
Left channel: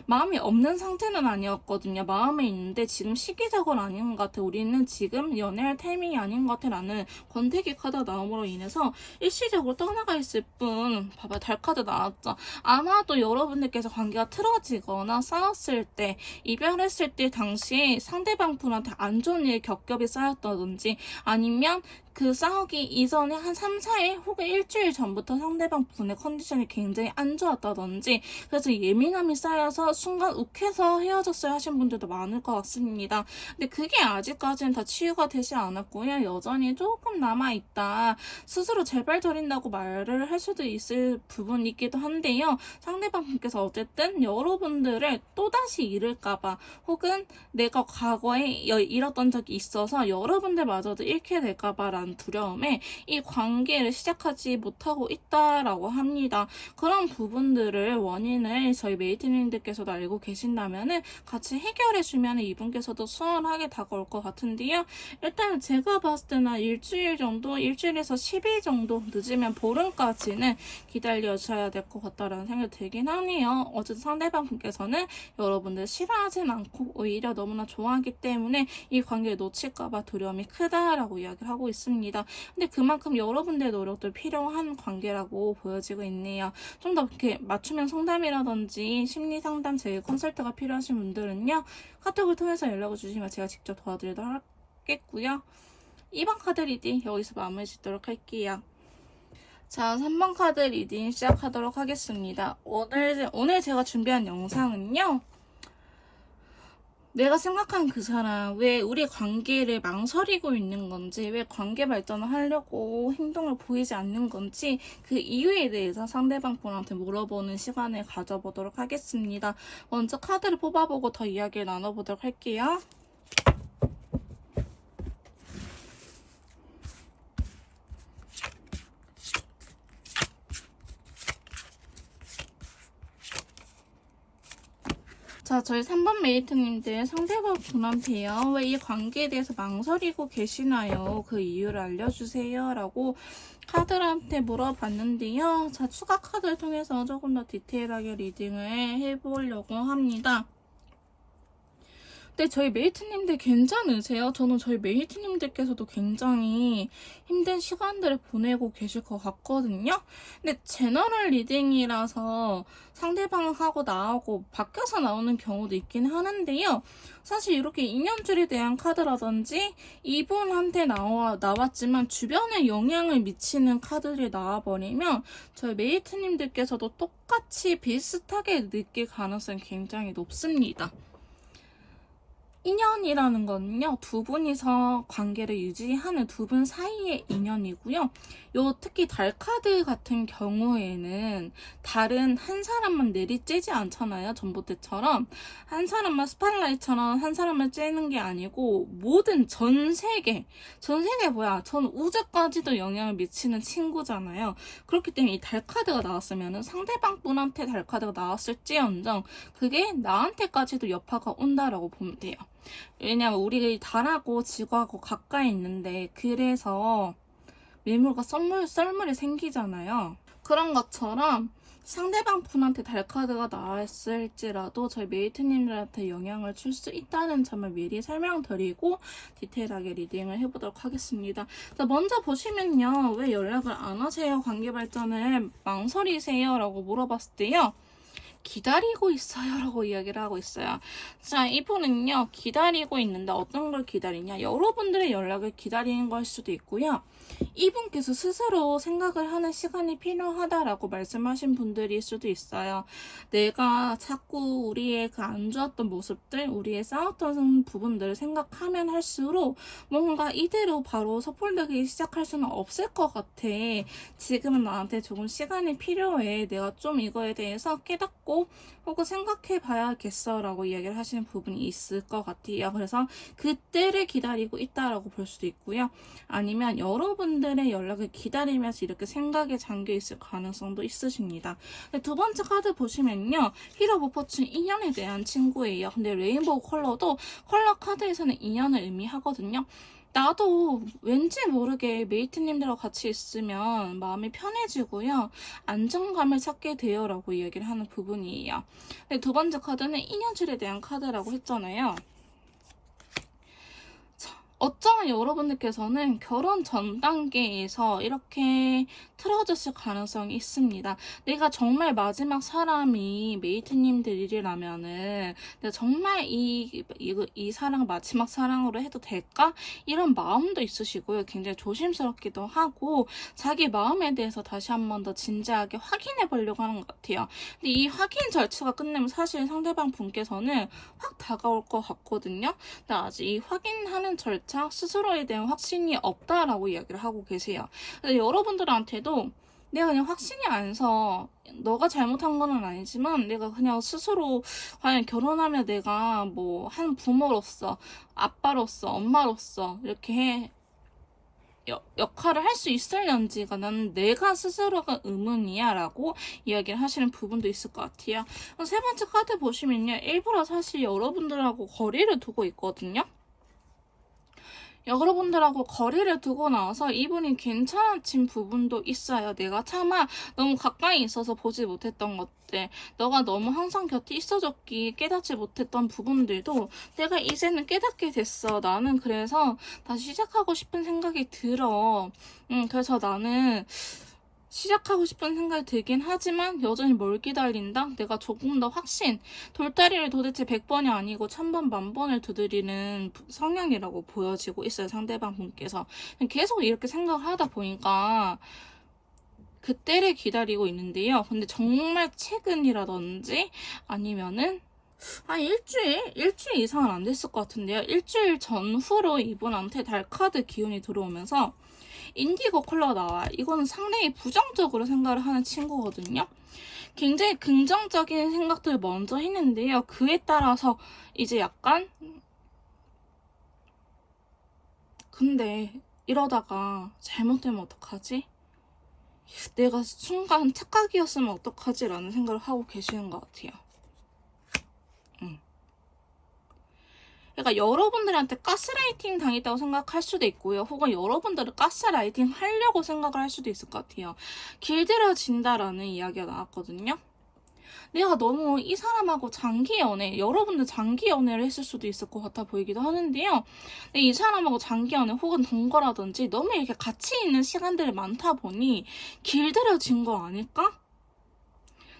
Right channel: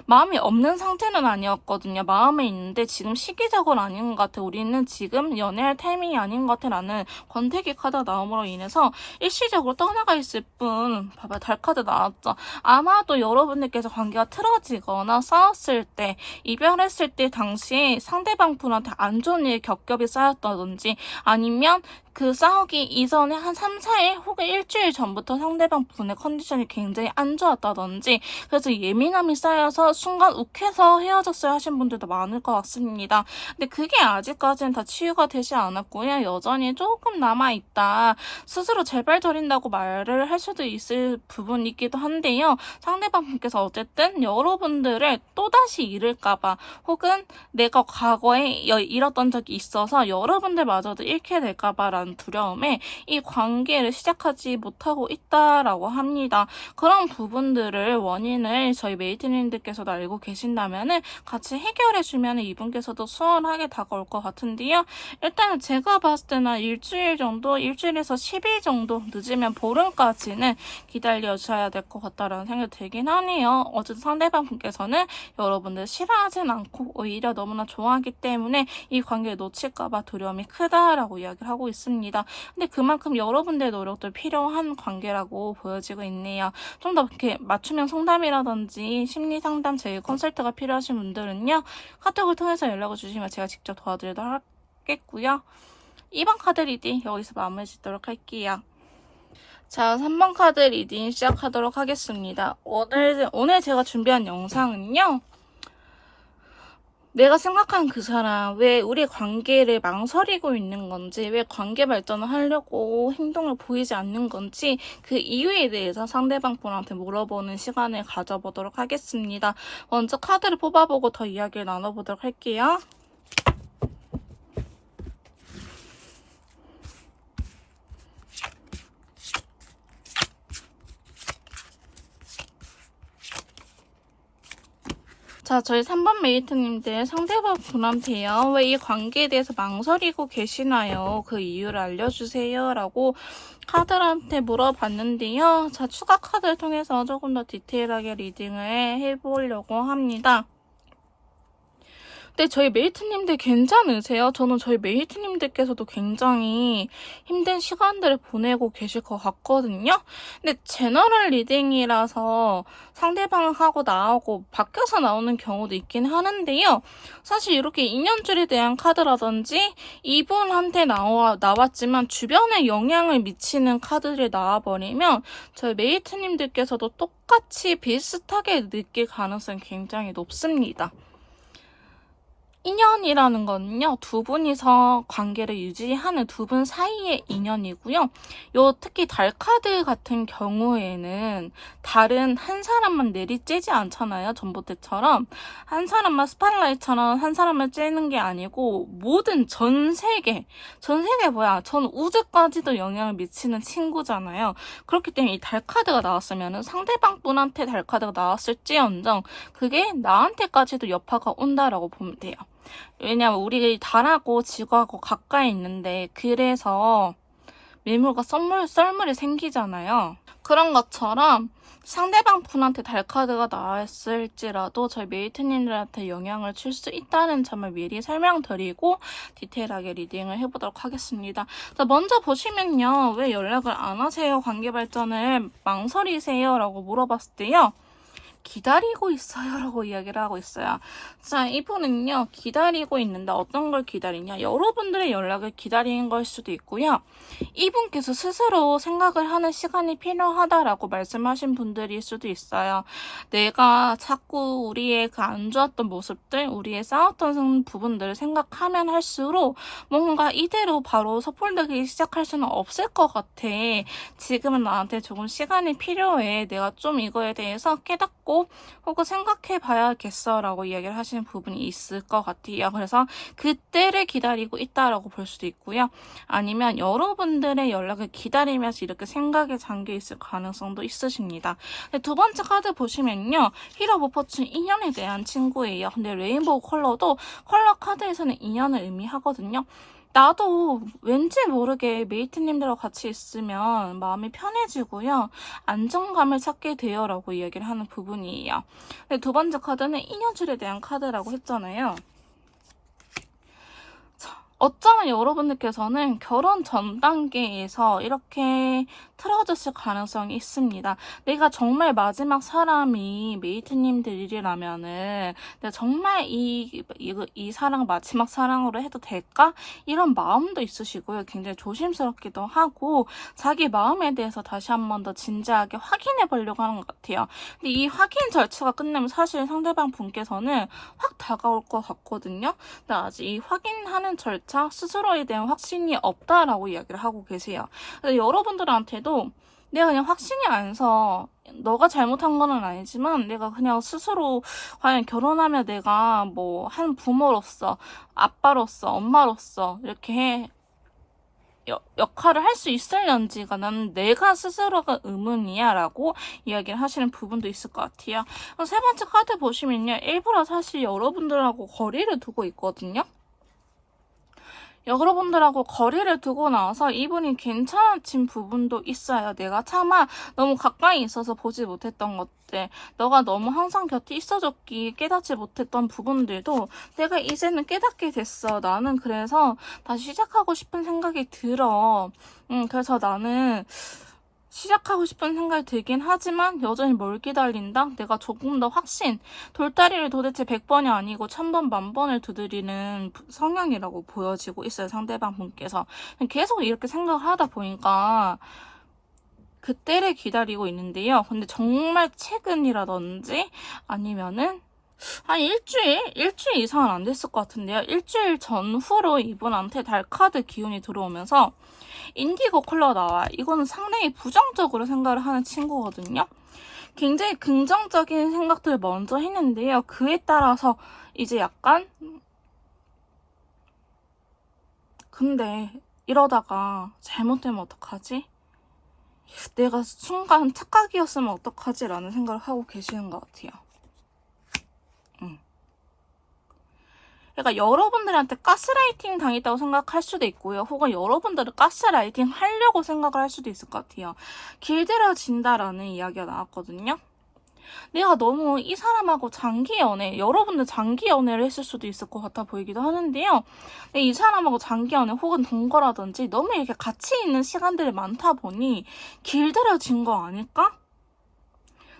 마음이 없는 상태는 아니었거든요. 마음에 있는데 지금 시기적으로 아닌 것 같아. 우리는 지금 연애할 타이밍이 아닌 것 같아. 라는 권태기 카드가 나옴으로 인해서 일시적으로 떠나가 있을 뿐. 봐봐, 달 카드 나왔죠. 아마도 여러분들께서 관계가 틀어지거나 싸웠을 때, 이별했을 때 당시에 상대방 분한테 안 좋은 일 겹겹이 쌓였다든지 아니면 그 싸우기 이전에 한 3, 4일 혹은 일주일 전부터 상대방 분의 컨디션이 굉장히 안 좋았다든지 그래서 예민함이 쌓여서 순간 욱해서 헤어졌어야 하신 분들도 많을 것 같습니다. 근데 그게 아직까지는 다 치유가 되지 않았고요. 여전히 조금 남아있다. 스스로 재발 저린다고 말을 할 수도 있을 부분이기도 한데요. 상대방 분께서 어쨌든 여러분들을 또다시 잃을까봐 혹은 내가 과거에 잃었던 적이 있어서 여러분들마저도 잃게 될까봐 두려움에 이 관계를 시작하지 못하고 있다라고 합니다. 그런 부분들을 원인을 저희 메이트님들께서도 알고 계신다면 같이 해결해주면 이분께서도 수월하게 다가올 것 같은데요. 일단 제가 봤을 때는 일주일 정도, 일주일에서 10일 정도 늦으면 보름까지는 기다려줘야 될 것 같다라는 생각이 들긴 하네요. 어쨌든 상대방 분께서는 여러분들 싫어하진 않고 오히려 너무나 좋아하기 때문에 이 관계를 놓칠까봐 두려움이 크다라고 이야기를 하고 있습니다. 근데 그만큼 여러분들의 노력도 필요한 관계라고 보여지고 있네요. 좀 더 이렇게 맞춤형 상담이라든지 심리 상담 제휴 컨설트가 필요하신 분들은요. 카톡을 통해서 연락을 주시면 제가 직접 도와드리도록 하겠고요. 2번 카드 리딩 여기서 마무리 짓도록 할게요. 자, 3번 카드 리딩 시작하도록 하겠습니다. 오늘 제가 준비한 영상은요. 내가 생각한 그 사람, 왜 우리 관계를 망설이고 있는 건지, 왜 관계 발전을 하려고 행동을 보이지 않는 건지, 그 이유에 대해서 상대방 분한테 물어보는 시간을 가져보도록 하겠습니다. 먼저 카드를 뽑아보고 더 이야기를 나눠보도록 할게요. 자, 저희 3번 메이트님들 상대방 분한테요. 왜 이 관계에 대해서 망설이고 계시나요? 그 이유를 알려주세요. 라고 카드한테 물어봤는데요. 자, 추가 카드를 통해서 조금 더 디테일하게 리딩을 해보려고 합니다. 근데 저희 메이트님들 괜찮으세요? 저는 저희 메이트님들께서도 굉장히 힘든 시간들을 보내고 계실 것 같거든요. 근데 제너럴 리딩이라서 상대방하고 나하고 바뀌어서 나오는 경우도 있긴 하는데요. 사실 이렇게 인연줄에 대한 카드라든지 이분한테 나왔지만 주변에 영향을 미치는 카드들이 나와버리면 저희 메이트님들께서도 똑같이 비슷하게 느낄 가능성이 굉장히 높습니다. 인연이라는 거는요, 두 분이서 관계를 유지하는 두 분 사이의 인연이고요. 특히 달 카드 같은 경우에는 달은 한 사람만 내리쬐지 않잖아요. 전봇대처럼. 한 사람만 스팟라이트처럼 한 사람만 쬐는 게 아니고 모든 전 세계 뭐야? 전 우주까지도 영향을 미치는 친구잖아요. 그렇기 때문에 이 달 카드가 나왔으면 상대방 분한테 달 카드가 나왔을지언정 그게 나한테까지도 여파가 온다라고 보면 돼요. 왜냐면 우리 달하고 지구하고 가까이 있는데 그래서 매물과 썰물이 생기잖아요. 그런 것처럼 상대방 분한테 달카드가 나왔을지라도 저희 메이트님들한테 영향을 줄 수 있다는 점을 미리 설명드리고 디테일하게 리딩을 해보도록 하겠습니다. 자, 먼저 보시면요. 왜 연락을 안 하세요? 관계 발전을 망설이세요? 라고 물어봤을 때요. 기다리고 있어요 라고 이야기를 하고 있어요. 자, 이분은요 기다리고 있는데 어떤 걸 기다리냐, 여러분들의 연락을 기다리는 걸 수도 있고요, 이분께서 스스로 생각을 하는 시간이 필요하다라고 말씀하신 분들일 수도 있어요. 내가 자꾸 우리의 그 안 좋았던 모습들, 우리의 싸웠던 부분들을 생각하면 할수록 뭔가 이대로 바로 섣불르게 시작할 수는 없을 것 같아. 지금은 나한테 조금 시간이 필요해. 내가 좀 이거에 대해서 깨닫고 혹은 생각해 봐야겠어 라고 이야기를 하시는 부분이 있을 것 같아요. 그래서 그때를 기다리고 있다라고 볼 수도 있고요. 아니면 여러분들의 연락을 기다리면서 이렇게 생각에 잠겨 있을 가능성도 있으십니다. 두 번째 카드 보시면요. 힐 오브 포춘 인연에 대한 친구예요. 근데 레인보우 컬러도 컬러 카드에서는 인연을 의미하거든요. 나도 왠지 모르게 메이트님들과 같이 있으면 마음이 편해지고요. 안정감을 찾게 돼요라고 이야기를 하는 부분이에요. 네, 두 번째 카드는 인연줄에 대한 카드라고 했잖아요. 어쩌면 여러분들께서는 결혼 전 단계에서 이렇게 틀어졌을 가능성이 있습니다. 내가 정말 마지막 사람이 메이트님들이라면은 내가 정말 이 사랑 마지막 사랑으로 해도 될까? 이런 마음도 있으시고요. 굉장히 조심스럽기도 하고 자기 마음에 대해서 다시 한 번 더 진지하게 확인해 보려고 하는 것 같아요. 근데 이 확인 절차가 끝나면 사실 상대방 분께서는 확 다가올 것 같거든요. 근데 아직 이 확인하는 절차 스스로에 대한 확신이 없다라고 이야기를 하고 계세요. 그래서 여러분들한테도 내가 그냥 확신이 안 서 너가 잘못한 건 아니지만 내가 그냥 스스로 과연 결혼하면 내가 뭐 한 부모로서 아빠로서 엄마로서 이렇게 역할을 할 수 있을런지가 나는 내가 스스로가 의문이야 라고 이야기를 하시는 부분도 있을 것 같아요. 세 번째 카드 보시면요. 일부러 사실 여러분들하고 거리를 두고 있거든요. 여러분들하고 거리를 두고 나서 이분이 괜찮아진 부분도 있어요. 내가 차마 너무 가까이 있어서 보지 못했던 것들, 너가 너무 항상 곁에 있어줬기 깨닫지 못했던 부분들도 내가 이제는 깨닫게 됐어. 나는 그래서 다시 시작하고 싶은 생각이 들어. 그래서 나는 시작하고 싶은 생각이 들긴 하지만 여전히 뭘 기다린다? 내가 조금 더 확신, 돌다리를 도대체 100번이 아니고 1000번, 10,000번을 두드리는 성향이라고 보여지고 있어요. 상대방 분께서. 계속 이렇게 생각을 하다 보니까 그때를 기다리고 있는데요. 근데 정말 최근이라든지 아니면은 한 일주일 이상은 안 됐을 것 같은데요. 일주일 전후로 이분한테 달카드 기운이 들어오면서 인디고 컬러가 나와요. 이거는 상당히 부정적으로 생각을 하는 친구거든요. 굉장히 긍정적인 생각들을 먼저 했는데요. 그에 따라서 이제 약간 근데 이러다가 잘못되면 어떡하지? 내가 순간 착각이었으면 어떡하지? 라는 생각을 하고 계시는 것 같아요. 그러니까 여러분들한테 가스라이팅 당했다고 생각할 수도 있고요. 혹은 여러분들은 가스라이팅 하려고 생각을 할 수도 있을 것 같아요. 길들여진다라는 이야기가 나왔거든요. 내가 너무 이 사람하고 장기 연애, 여러분들 장기 연애를 했을 수도 있을 것 같아 보이기도 하는데요. 근데 이 사람하고 장기 연애 혹은 동거라든지 너무 이렇게 같이 있는 시간들이 많다 보니 길들여진 거 아닐까?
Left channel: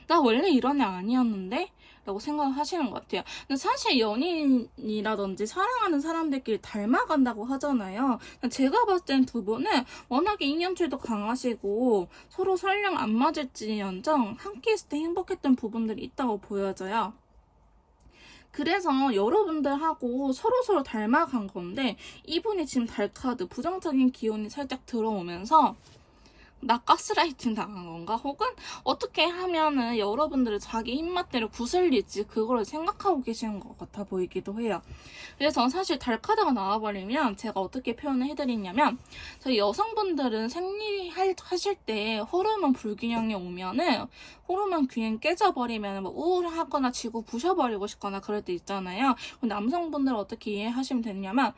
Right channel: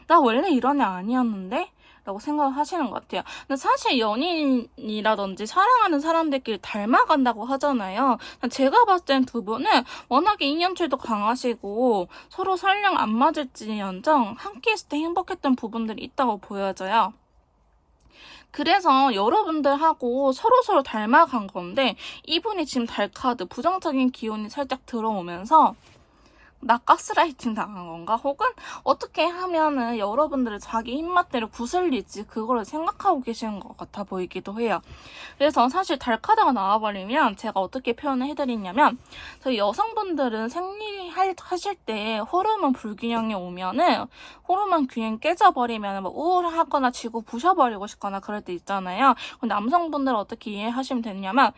나 원래 이런 애 아니었는데? 라고 생각을 하시는 것 같아요. 근데 사실 연인이라든지 사랑하는 사람들끼리 닮아간다고 하잖아요. 제가 봤을 땐 두 분은 워낙에 인연줄도 강하시고 서로 설령 안 맞을지언정 함께 있을 때 행복했던 부분들이 있다고 보여져요. 그래서 여러분들하고 서로서로 닮아간 건데 이분이 지금 달카드 부정적인 기운이 살짝 들어오면서 나 가스라이팅 당한 건가? 혹은 어떻게 하면은 여러분들을 자기 입맛대로 구슬릴지 그거를 생각하고 계시는 것 같아 보이기도 해요. 그래서 사실 달카드가 나와버리면 제가 어떻게 표현을 해드리냐면 저희 여성분들은 생리하실 때 호르몬 불균형이 오면은 호르몬 균형 깨져버리면 뭐 우울하거나 지구 부셔버리고 싶거나 그럴 때 있잖아요. 남성분들은 어떻게 이해하시면 되냐면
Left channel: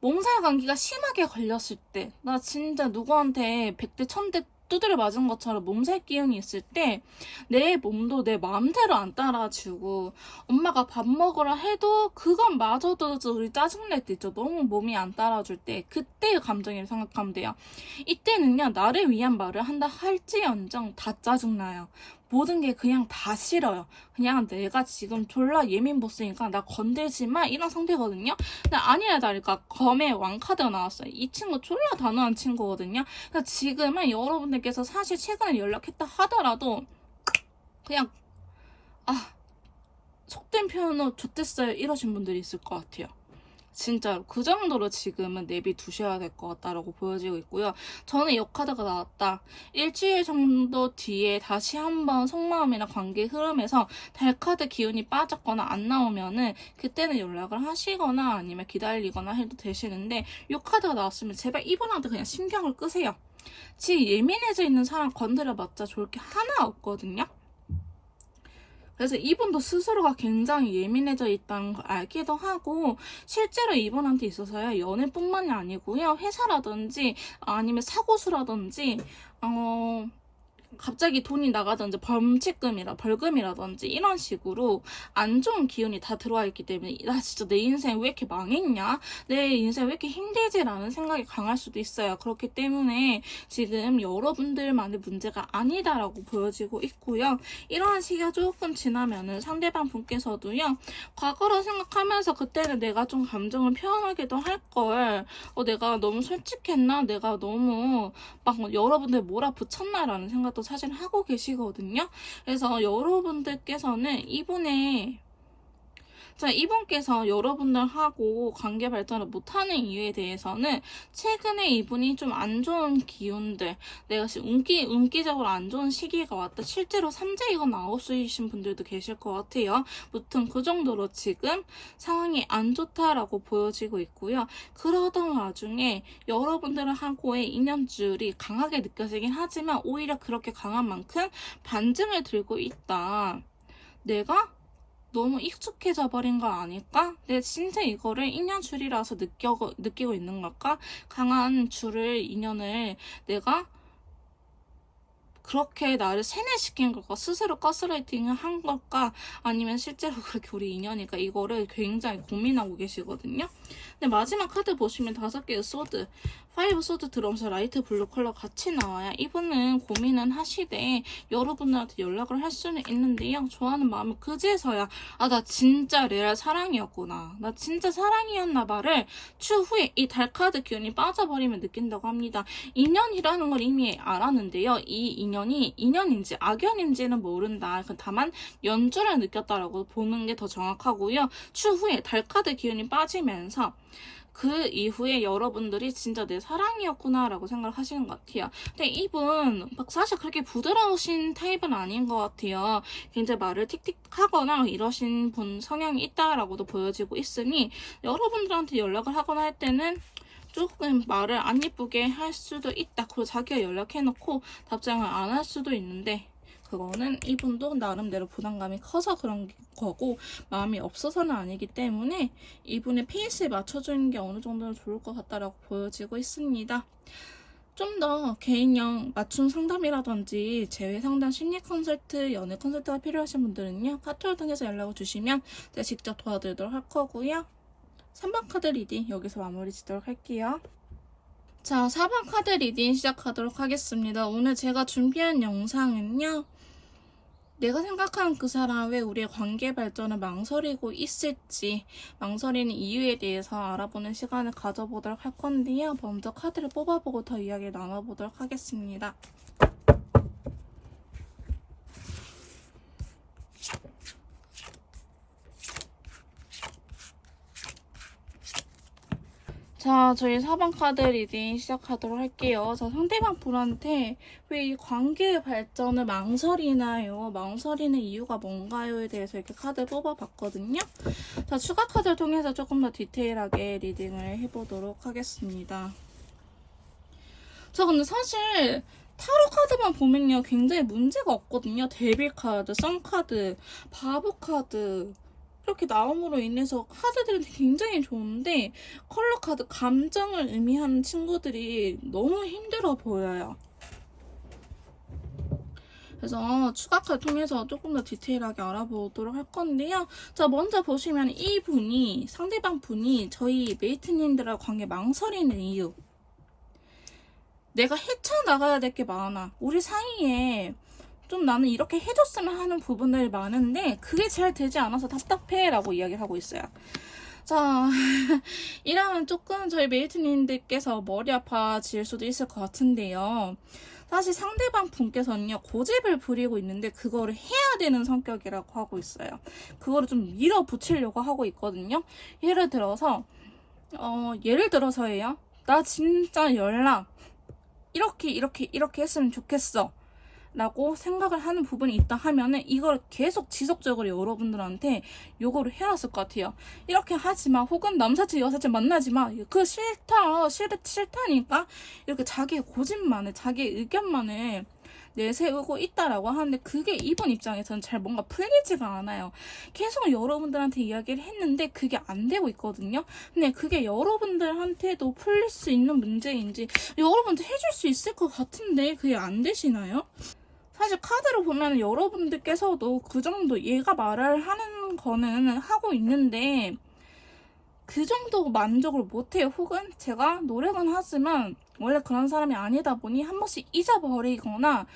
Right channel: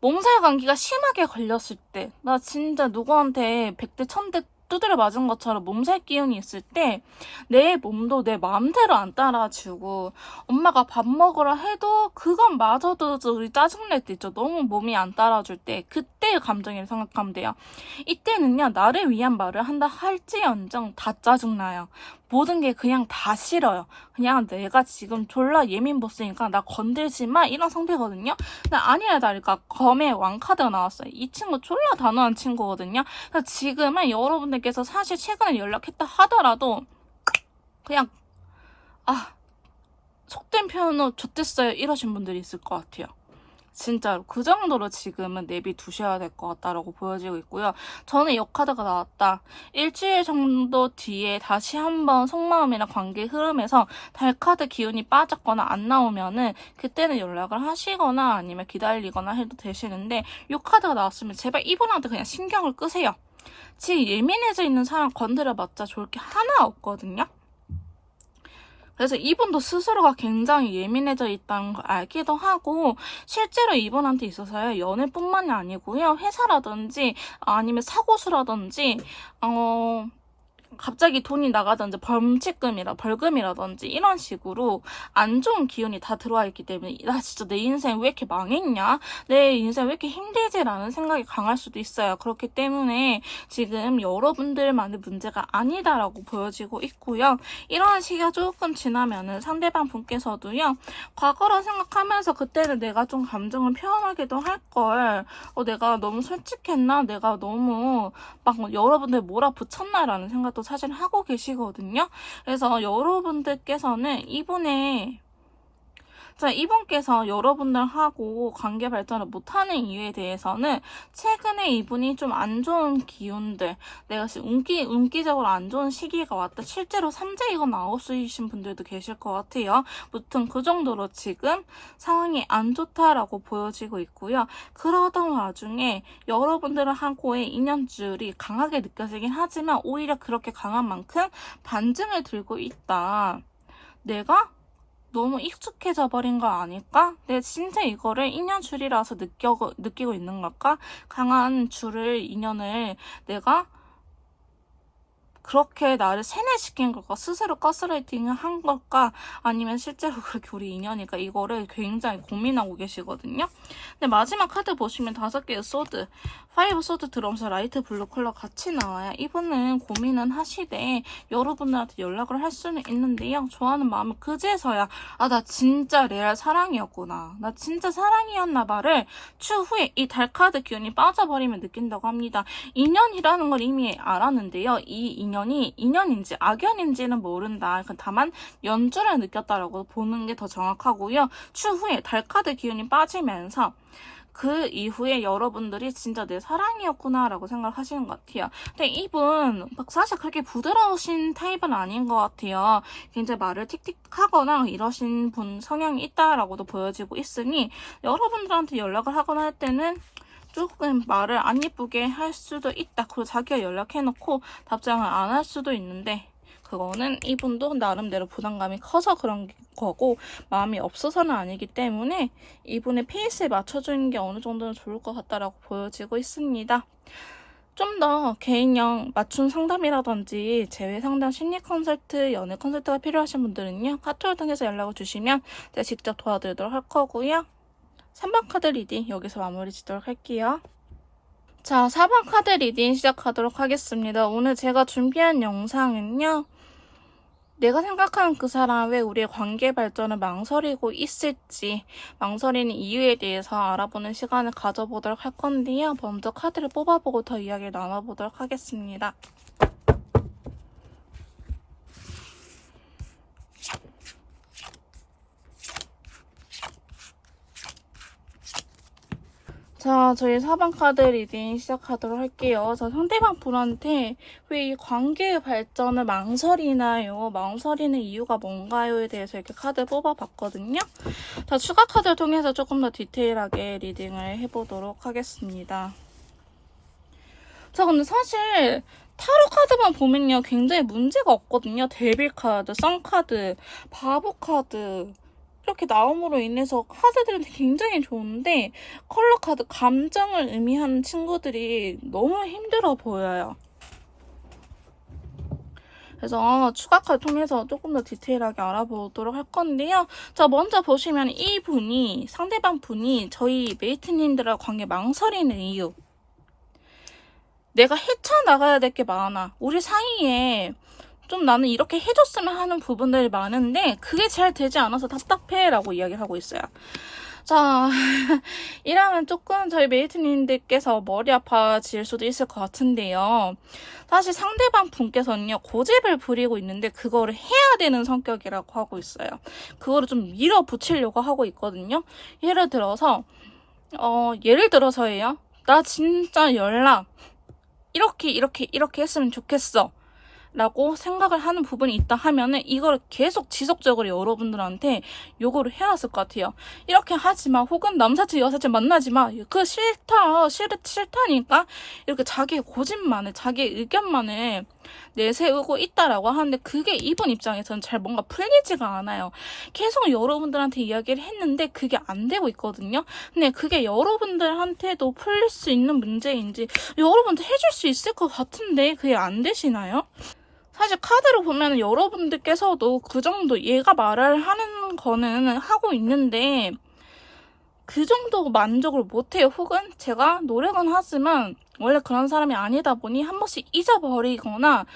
몸살 감기가 심하게 걸렸을 때, 나 진짜 누구한테 100대 1000대 두드려 맞은 것처럼 몸살 기운이 있을 때 내 몸도 내 마음대로 안 따라주고 엄마가 밥 먹으라 해도 그건 마저도 우리 짜증낼 때 있죠. 너무 몸이 안 따라줄 때 그때의 감정이라고 생각하면 돼요. 이때는요. 나를 위한 말을 한다 할지언정 다 짜증나요. 모든 게 그냥 다 싫어요. 그냥 내가 지금 졸라 예민 보스니까 나 건들지 마 이런 상태거든요. 근데 아니야 다를까 검의 왕카드가 나왔어요. 이 친구 졸라 단호한 친구거든요. 그래서 지금은 여러분들께서 사실 최근에 연락했다 하더라도 그냥 속된 표현으로 좋댔어요 이러신 분들이 있을 것 같아요. 진짜로 그 정도로 지금은 내비두셔야 될 것 같다라고 보여지고 있고요. 저는 이 카드가 나왔다. 일주일 정도 뒤에 다시 한번 속마음이나 관계 흐름에서 달카드 기운이 빠졌거나 안 나오면은 그때는 연락을 하시거나 아니면 기다리거나 해도 되시는데 이 카드가 나왔으면 제발 이분한테 그냥 신경을 끄세요. 지금 예민해져 있는 사람 건드려봤자 좋을 게 하나 없거든요. 그래서 이분도 스스로가 굉장히 예민해져 있다는 걸 알기도 하고, 실제로 이분한테 있어서요, 연애뿐만이 아니고요, 회사라든지 아니면 사고수라든지 갑자기 돈이 나가든지 벌금이라든지 이런 식으로 안 좋은 기운이 다 들어와 있기 때문에, 나 진짜 내 인생 왜 이렇게 망했냐? 내 인생 왜 이렇게 힘들지? 라는 생각이 강할 수도 있어요. 그렇기 때문에 지금 여러분들만의 문제가 아니다라고 보여지고 있고요. 이런 시기가 조금 지나면은 상대방 분께서도요, 과거라 생각하면서 그때는 내가 좀 감정을 표현하기도 할걸, 내가 너무 솔직했나? 내가 너무 막 여러분들 몰아붙였나? 라는 생각도 사실 하고 계시거든요. 그래서 여러분들께서는 이분께서 여러분들하고 관계 발전을 못하는 이유에 대해서는 최근에 이분이 좀 안 좋은 기운들, 내가 지금 운기적으로 안 좋은 시기가 왔다. 실제로 삼재이거나 아홉수이신 분들도 계실 것 같아요. 무튼 그 정도로 지금 상황이 안 좋다라고 보여지고 있고요. 그러던 와중에 여러분들하고의 인연줄이 강하게 느껴지긴 하지만 오히려 그렇게 강한 만큼 반증을 들고 있다. 내가 너무 익숙해져 버린 거 아닐까? 내가 진짜 이거를 인연줄이라서 느끼고 있는 걸까? 강한 인연을 내가 그렇게 나를 세뇌시킨 걸까? 스스로 가스라이팅을 한 걸까? 아니면 실제로 그렇게 우리 인연이니까 이거를 굉장히 고민하고 계시거든요. 근데 마지막 카드 보시면 5개의 소드, 5 소드 들어오면서 라이트 블루 컬러 같이 나와요. 이분은 고민은 하시되 여러분들한테 연락을 할 수는 있는데요. 좋아하는 마음은 그제서야 나 진짜 레알 사랑이었구나. 나 진짜 사랑이었나 봐를 추후에 이 달카드 기운이 빠져버리면 느낀다고 합니다. 인연이라는 걸 이미 알았는데요. 이 인연이 인연인지 악연인지는 모른다. 다만 연주를 느꼈다라고 보는 게 더 정확하고요. 추후에 달카드 기운이 빠지면서 그 이후에 여러분들이 진짜 내 사랑이었구나 라고 생각하시는 것 같아요. 근데 이분 사실 그렇게 부드러우신 타입은 아닌 것 같아요. 굉장히 말을 틱틱하거나 이러신 분 성향이 있다라고도 보여지고 있으니 여러분들한테 연락을 하거나 할 때는 조금 말을 안 예쁘게 할 수도 있다. 그리고 자기가 연락해놓고 답장을 안 할 수도 있는데, 그거는 이분도 나름대로 부담감이 커서 그런 거고 마음이 없어서는 아니기 때문에 이분의 페이스에 맞춰주는 게 어느 정도는 좋을 것 같다라고 보여지고 있습니다. 좀 더 개인형 맞춤 상담이라든지 재회 상담, 심리 컨설트, 연애 컨설트가 필요하신 분들은요, 카톡을 통해서 연락을 주시면 제가 직접 도와드리도록 할 거고요. 3번 카드 리딩 여기서 마무리 짓도록 할게요. 자, 4번 카드 리딩 시작하도록 하겠습니다. 오늘 제가 준비한 영상은요, 내가 생각하는 그 사람 왜 우리의 관계 발전을 망설이고 있을지, 망설이는 이유에 대해서 알아보는 시간을 가져보도록 할 건데요. 먼저 카드를 뽑아보고 더 이야기를 나눠보도록 하겠습니다. 자, 저희 4번 카드 리딩 시작하도록 할게요. 자, 상대방 분한테 왜 이 관계의 발전을 망설이나요? 망설이는 이유가 뭔가요?에 대해서 이렇게 카드 뽑아봤거든요. 자, 추가 카드를 통해서 조금 더 디테일하게 리딩을 해보도록 하겠습니다. 자, 근데 사실 타로 카드만 보면요, 굉장히 문제가 없거든요. 데빌 카드, 선 카드, 바보 카드 이렇게 나옴으로 인해서 카드들은 굉장히 좋은데, 컬러 카드, 감정을 의미하는 친구들이 너무 힘들어 보여요. 그래서 추가 카드 통해서 조금 더 디테일하게 알아보도록 할 건데요. 자, 먼저 보시면 상대방 분이 저희 메이트님들하고 관계 망설이는 이유. 내가 헤쳐나가야 될 게 많아. 우리 사이에 좀 나는 이렇게 해줬으면 하는 부분들이 많은데 그게 잘 되지 않아서 답답해 라고 이야기를 하고 있어요. 자, 이러면 조금 저희 메이트님들께서 머리 아파질 수도 있을 것 같은데요. 사실 상대방 분께서는요, 고집을 부리고 있는데 그거를 해야 되는 성격이라고 하고 있어요. 그거를 좀 밀어붙이려고 하고 있거든요. 예를 들어서예요. 나 진짜 연락 이렇게 했으면 좋겠어 라고 생각을 하는 부분이 있다 하면은 이걸 계속 지속적으로 여러분들한테 요거를 해놨을 것 같아요. 이렇게 하지마, 혹은 남사친 여사친 만나지마, 그 싫다니까 이렇게 자기의 고집만을, 자기의 의견만을 내세우고 있다라고 하는데 그게 이분 입장에서는 잘 뭔가 풀리지가 않아요. 계속 여러분들한테 이야기를 했는데 그게 안 되고 있거든요. 근데 그게 여러분들한테도 풀릴 수 있는 문제인지 여러분들 해줄 수 있을 것 같은데 그게 안 되시나요? 사실 카드로 보면 여러분들께서도 그 정도 얘가 말을 하는 거는 하고 있는데 그 정도 만족을 못해요. 혹은 제가 노력은 하지만 원래 그런 사람이 아니다 보니 한 번씩 잊어버리거나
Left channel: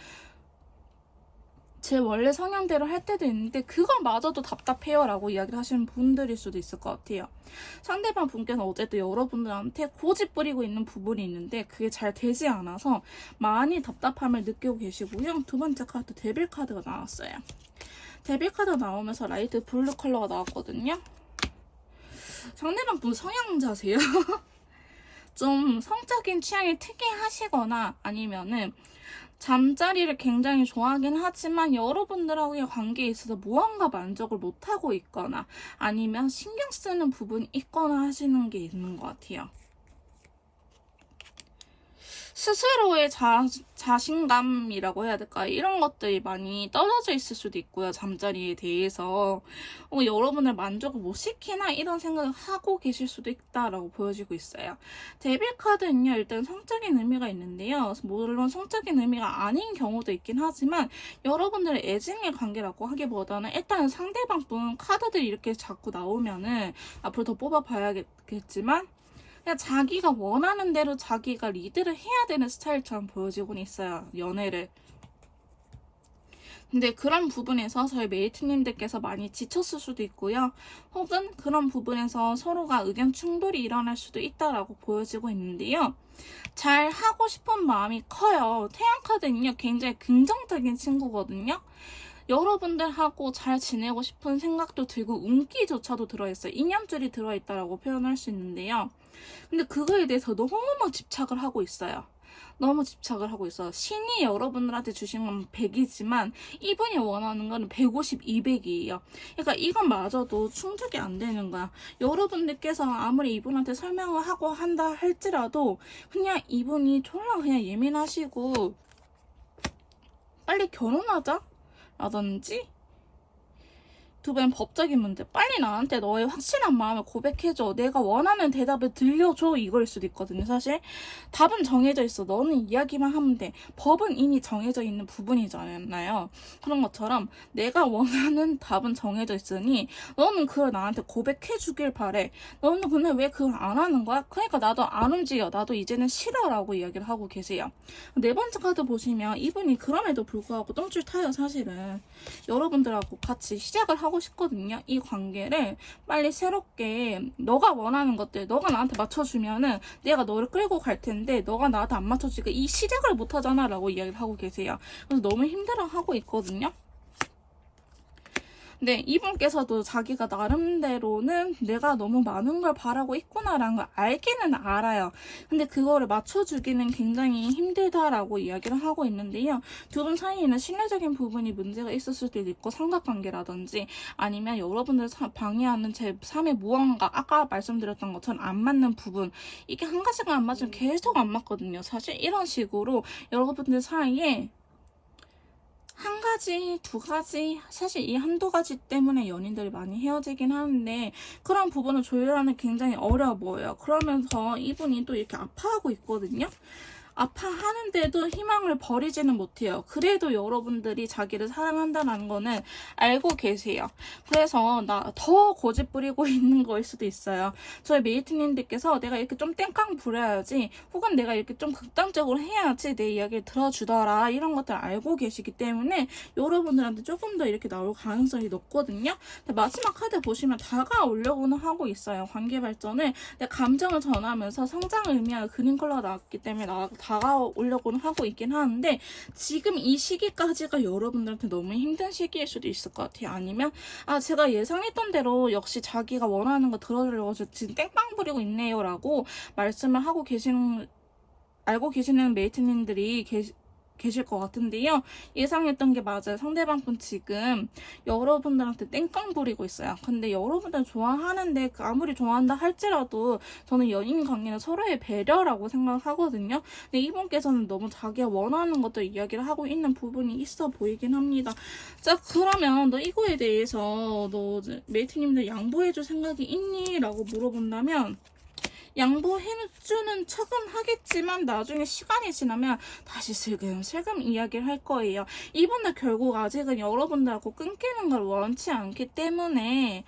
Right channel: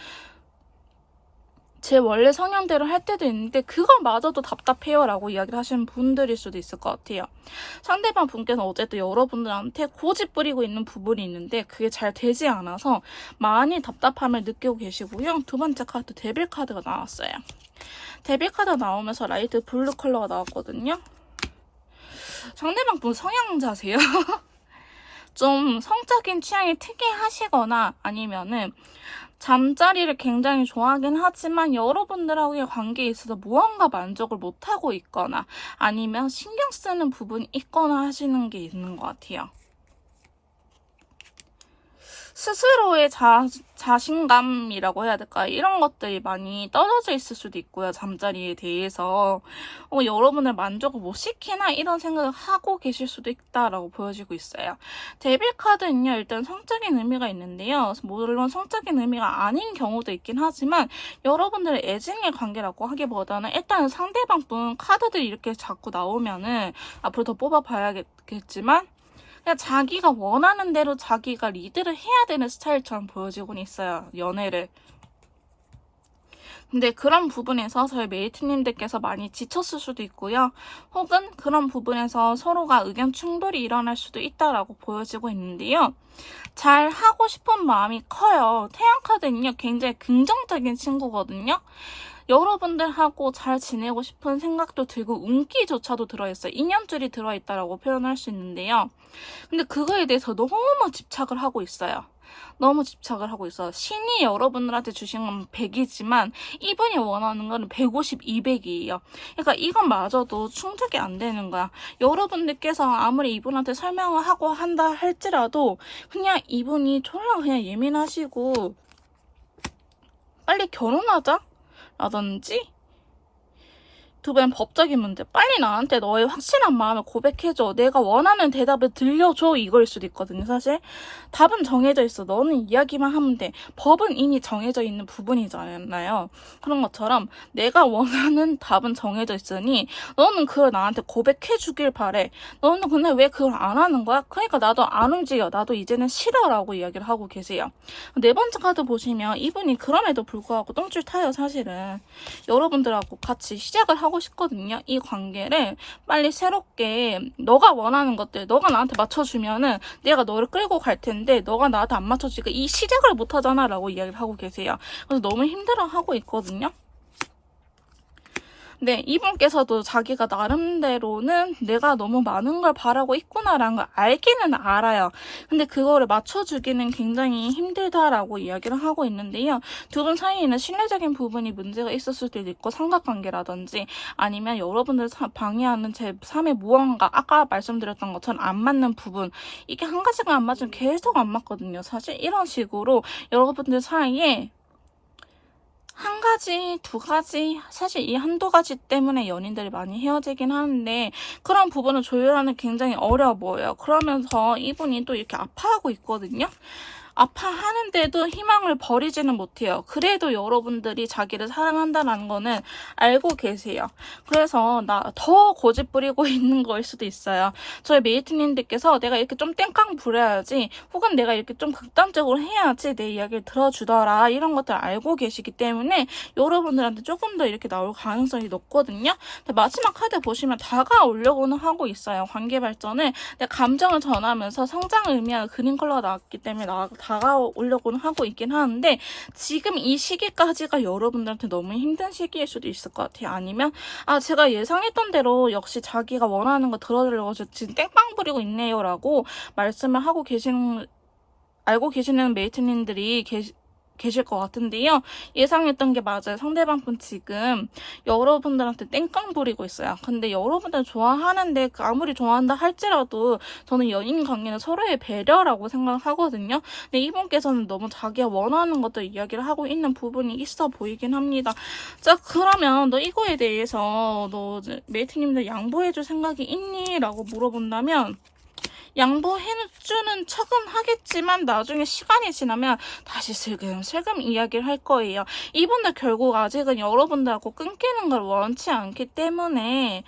제 원래 성향대로 할 때도 있는데 그거마저도 답답해요 라고 이야기를 하시는 분들일 수도 있을 것 같아요. 상대방 분께서 어쨌든 여러분들한테 고집 부리고 있는 부분이 있는데 그게 잘 되지 않아서 많이 답답함을 느끼고 계시고요. 두 번째 카드 데빌 카드가 나왔어요. 데빌 카드 나오면서 라이트 블루 컬러가 나왔거든요. 상대방 분 성향자세요. 좀 성적인 취향이 특이하시거나 아니면은 잠자리를 굉장히 좋아하긴 하지만 여러분들하고의 관계에 있어서 무언가 만족을 못하고 있거나 아니면 신경 쓰는 부분이 있거나 하시는 게 있는 것 같아요. 스스로의 자신감이라고 해야 될까? 이런 것들이 많이 떨어져 있을 수도 있고요. 잠자리에 대해서. 여러분을 만족을 못 시키나 이런 생각을 하고 계실 수도 있다라고 보여지고 있어요. 데빌 카드는요. 일단 성적인 의미가 있는데요. 물론 성적인 의미가 아닌 경우도 있긴 하지만 여러분들의 애증의 관계라고 하기보다는 일단은 상대방 분 카드들이 이렇게 자꾸 나오면은 앞으로 더 뽑아봐야겠지만 그냥 자기가 원하는 대로 자기가 리드를 해야 되는 스타일처럼 보여지곤 있어요. 연애를. 근데 그런 부분에서 저희 메이트님들께서 많이 지쳤을 수도 있고요. 혹은 그런 부분에서 서로가 의견 충돌이 일어날 수도 있다라고 보여지고 있는데요. 잘 하고 싶은 마음이 커요. 태양 카드는요. 굉장히 긍정적인 친구거든요. 여러분들하고 잘 지내고 싶은 생각도 들고 운기조차도 들어있어요. 인연줄이 들어있다라고 표현할 수 있는데요. 근데 그거에 대해서 너무 집착을 하고 있어요. 너무 집착을 하고 있어요. 신이 여러분들한테 주신 건 100이지만 이분이 원하는 건 150, 200이에요. 그러니까 이건 마저도 충족이 안 되는 거야. 여러분들께서 아무리 이분한테 설명을 하고 한다 할지라도 그냥 이분이 졸라 그냥 예민하시고 빨리 결혼하자? 라든지 두 번째는 법적인 문제. 빨리 나한테 너의 확실한 마음을 고백해줘. 내가 원하는 대답을 들려줘. 이거일 수도 있거든요, 사실. 답은 정해져 있어. 너는 이야기만 하면 돼. 법은 이미 정해져 있는 부분이잖아요. 그런 것처럼 내가 원하는 답은 정해져 있으니 너는 그걸 나한테 고백해주길 바래. 너는 근데 왜 그걸 안 하는 거야? 그러니까 나도 안 움직여. 나도 이제는 싫어라고 이야기를 하고 계세요. 네 번째 카드 보시면 이분이 그럼에도 불구하고 똥줄 타요, 사실은. 여러분들하고 같이 시작을 하고 싶거든요. 이 관계를 빨리 새롭게 너가 원하는 것들 너가 나한테 맞춰주면은 내가 너를 끌고 갈 텐데 너가 나한테 안 맞춰주니까 이 시작을 못 하잖아 라고 이야기를 하고 계세요. 그래서 너무 힘들어하고 있거든요. 네, 이분께서도 자기가 나름대로는 내가 너무 많은 걸 바라고 있구나라는 걸 알기는 알아요. 근데 그거를 맞춰주기는 굉장히 힘들다라고 이야기를 하고 있는데요. 두 분 사이에는 신뢰적인 부분이 문제가 있을 수도 있고 삼각관계라든지 아니면 여러분들 방해하는 제 3의 무언가 아까 말씀드렸던 것처럼 안 맞는 부분 이게 한 가지가 안 맞으면 계속 안 맞거든요. 사실 이런 식으로 여러분들 사이에 한 가지, 두 가지, 사실 이 한두 가지 때문에 연인들이 많이 헤어지긴 하는데 그런 부분을 조율하는 게 굉장히 어려워 보여요. 그러면서 이분이 또 이렇게 아파하고 있거든요. 아파하는데도 희망을 버리지는 못해요. 그래도 여러분들이 자기를 사랑한다는 거는 알고 계세요. 그래서 나 더 고집 부리고 있는 거일 수도 있어요. 저희 메이트님들께서 내가 이렇게 좀 땡깡 부려야지 혹은 내가 이렇게 좀 극단적으로 해야지 내 이야기를 들어주더라 이런 것들 알고 계시기 때문에 여러분들한테 조금 더 이렇게 나올 가능성이 높거든요. 근데 마지막 카드 보시면 다가오려고는 하고 있어요. 관계 발전을 내 감정을 전하면서 성장을 의미하는 그린 컬러가 나왔기 때문에 다가오려고는 하고 있긴 하는데 지금 이 시기까지가 여러분들한테 너무 힘든 시기일 수도 있을 것 같아요. 아니면 제가 예상했던 대로 역시 자기가 원하는 거 들어주려고 지금 땡빵 부리고 있네요 라고 말씀을 하고 알고 계시는 메이트님들이 계실 것 같은데요. 예상했던 게 맞아요. 상대방 분 지금 여러분들한테 땡깡 부리고 있어요. 근데 여러분들 좋아하는데 아무리 좋아한다 할지라도 저는 연인 관계는 서로의 배려라고 생각하거든요. 근데 이분께서는 너무 자기가 원하는 것들 이야기를 하고 있는 부분이 있어 보이긴 합니다. 자, 그러면 너 이거에 대해서 너 메이트님들 양보해줄 생각이 있니? 라고 물어본다면 양보해주는 척은 하겠지만 나중에 시간이 지나면 다시 슬금슬금 이야기를 할 거예요. 이분들 결국 아직은 여러분들하고 끊기는 걸 원치 않기 때문에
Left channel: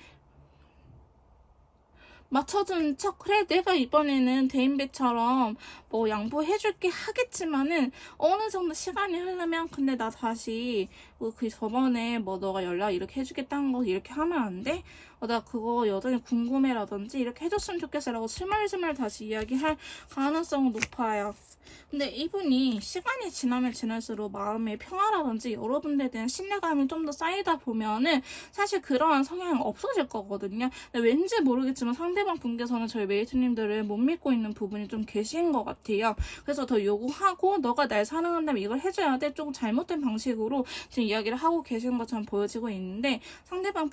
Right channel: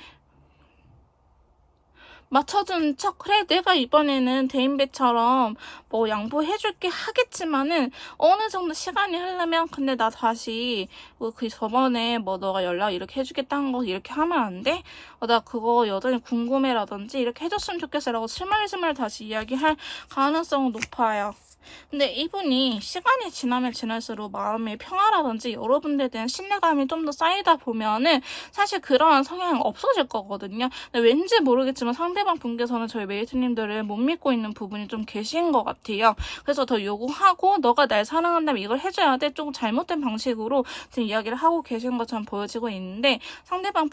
맞춰준 척, 그래 내가 이번에는 대인배처럼 뭐 양보해줄게 하겠지만은 어느 정도 시간이 흐르면 근데 나 다시 그 저번에 뭐 너가 연락 이렇게 해주겠다는 거 이렇게 하면 안 돼? 나 그거 여전히 궁금해라든지 이렇게 해줬으면 좋겠어라고 스멀스멀 다시 이야기할 가능성은 높아요. 근데 이분이 시간이 지나면 지날수록 마음의 평화라든지 여러분들에 대한 신뢰감이 좀 더 쌓이다 보면은 사실 그러한 성향이 없어질 거거든요. 근데 왠지 모르겠지만 상대방 분께서는 저희 메이트님들을 못 믿고 있는 부분이 좀 계신 것 같아요. 그래서 더 요구하고 너가 날 사랑한다면 이걸 해줘야 돼. 조금 잘못된 방식으로 지금 이야기를 하고 계신 것처럼 보여지고 있는데 상대방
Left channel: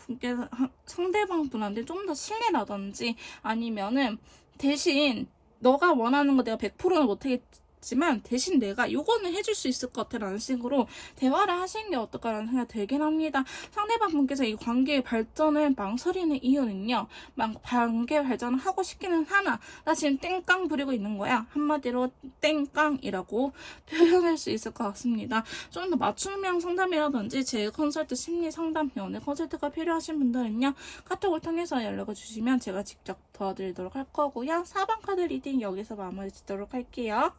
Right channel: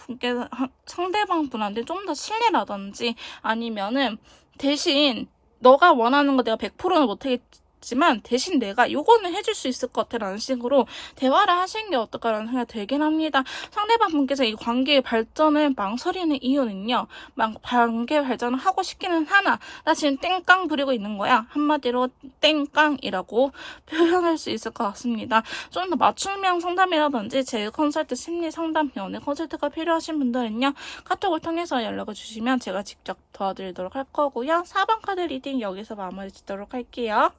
분한테 좀 더 신뢰라든지 아니면은 대신 너가 원하는 거 내가 100%는 못하겠지만 대신 내가 요거는 해줄 수 있을 것 같아 라는 식으로 대화를 하시는 게 어떨까라는 생각이 들긴 합니다. 상대방 분께서 이 관계의 발전을 망설이는 이유는요. 관계 발전을 하고 싶기는 하나 나 지금 땡깡 부리고 있는 거야. 한마디로 땡깡이라고 표현할 수 있을 것 같습니다. 좀 더 맞춤형 상담이라든지 제 컨설트 심리 상담 연애 컨설트가 필요하신 분들은요. 카톡을 통해서 연락을 주시면 제가 직접 도와드리도록 할 거고요. 4번 카드 리딩 여기서 마무리 짓도록 할게요.